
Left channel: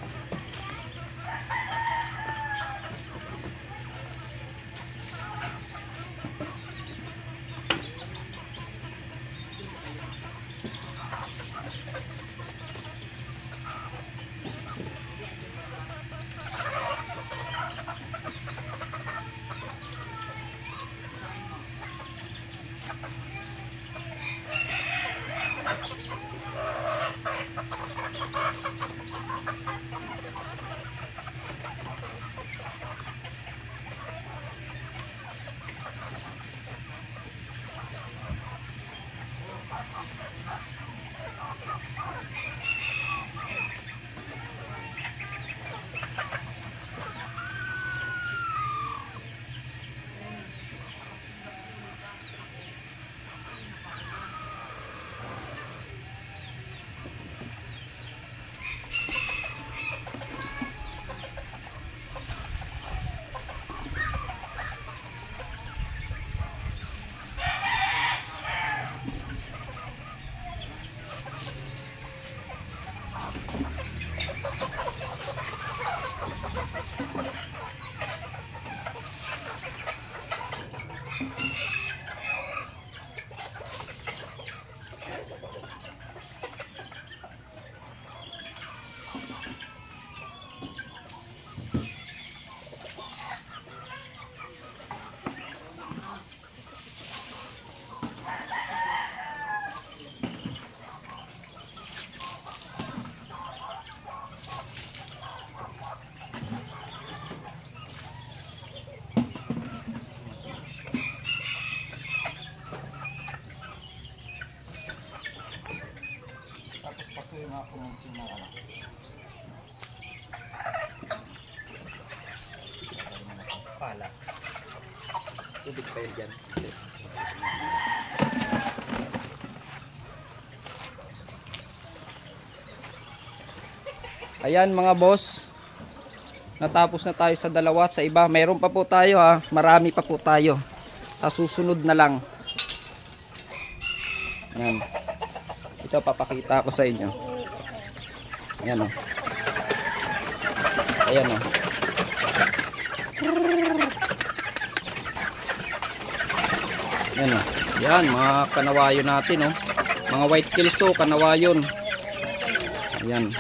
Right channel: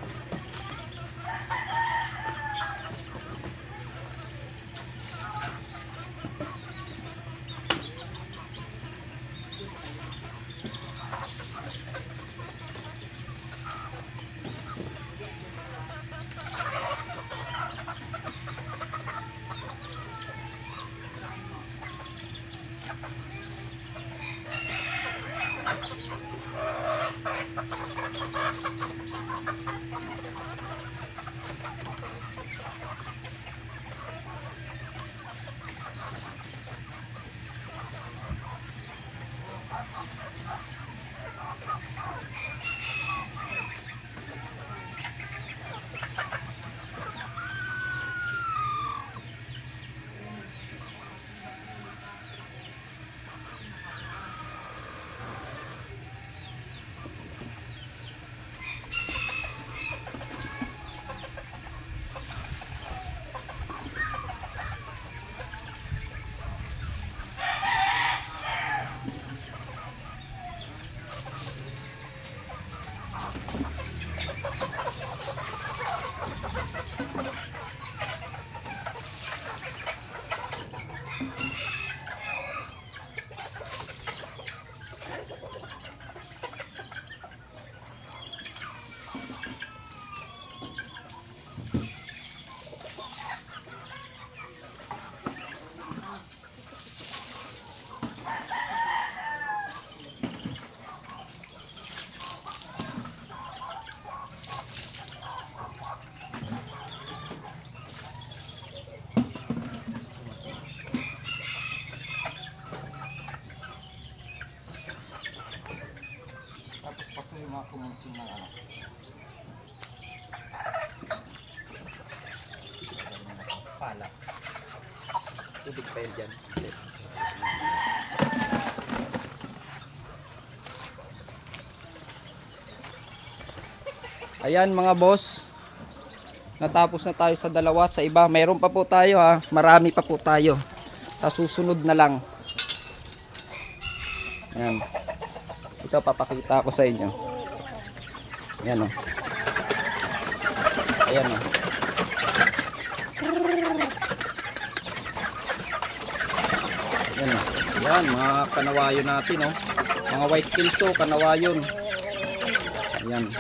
Tapos pasuhin mga kumunching ng ano. Pala. Tubig pa yun dyan. Ayan mga boss. Natapos na tayo sa dalawa at sa iba. Mayroon pa po tayo ha. Marami pa po tayo. Sa susunod na lang. Ayan. Ito papakita ko sa inyo. Ayan o. Ayan o. Ayan o. Ayan mga kanawayon natin o. Mga white kelso kanawayon. Ayan.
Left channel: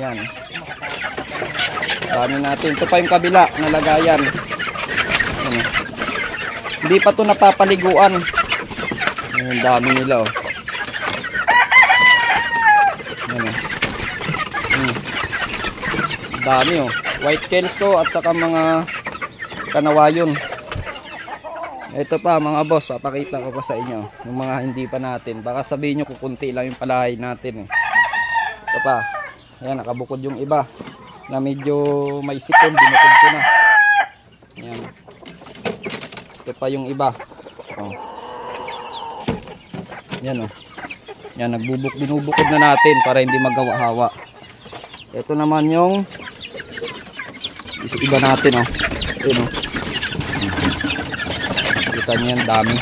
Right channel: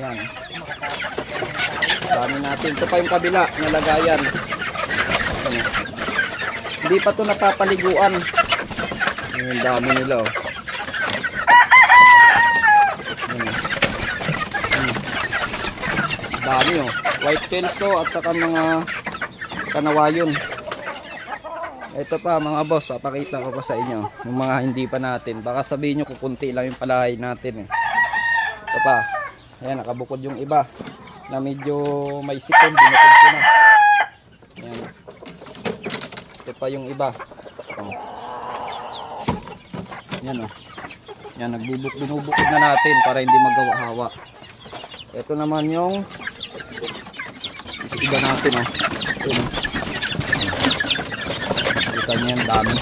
Ayan. Dami natin. Ito pa yung kabila. Nalagayan. Ayan. Hindi pa ito napapaliguan. Ang dami nila oh. Dami oh. White kelso at saka mga kanawayon. Ito pa mga boss, papakita ko pa sa inyo. Yung mga hindi pa natin. Baka sabihin nyo kukunti lang yung palahay natin eh. Ito pa. Ayan, nakabukod yung iba. Na medyo may sipon, binukod ko na. Ayan. Ito pa yung iba. Oh. Yan oh. Yan, binubukod na natin para hindi magawa-hawa. Ito naman yung iba natin oh. Ito oh. Kita nyo yung dami.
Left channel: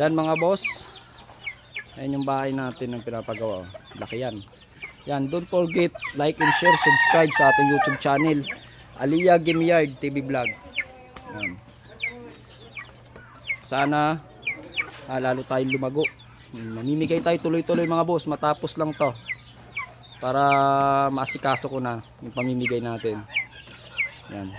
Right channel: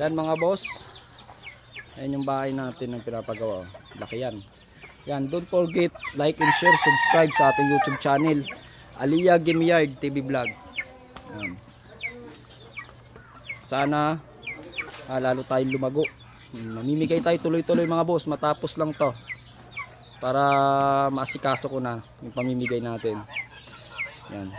Yan mga boss. Ayan yung bahay natin ng pinapagawa. Laki yan. Yan, don't forget like and share, subscribe sa ating YouTube channel Aliyah Game Yard TV Vlog. Yan. Sana lalo tayong lumago. Mamimigay tayo tuloy-tuloy mga boss matapos lang to para maasikaso ko na yung pamimigay natin. Yan.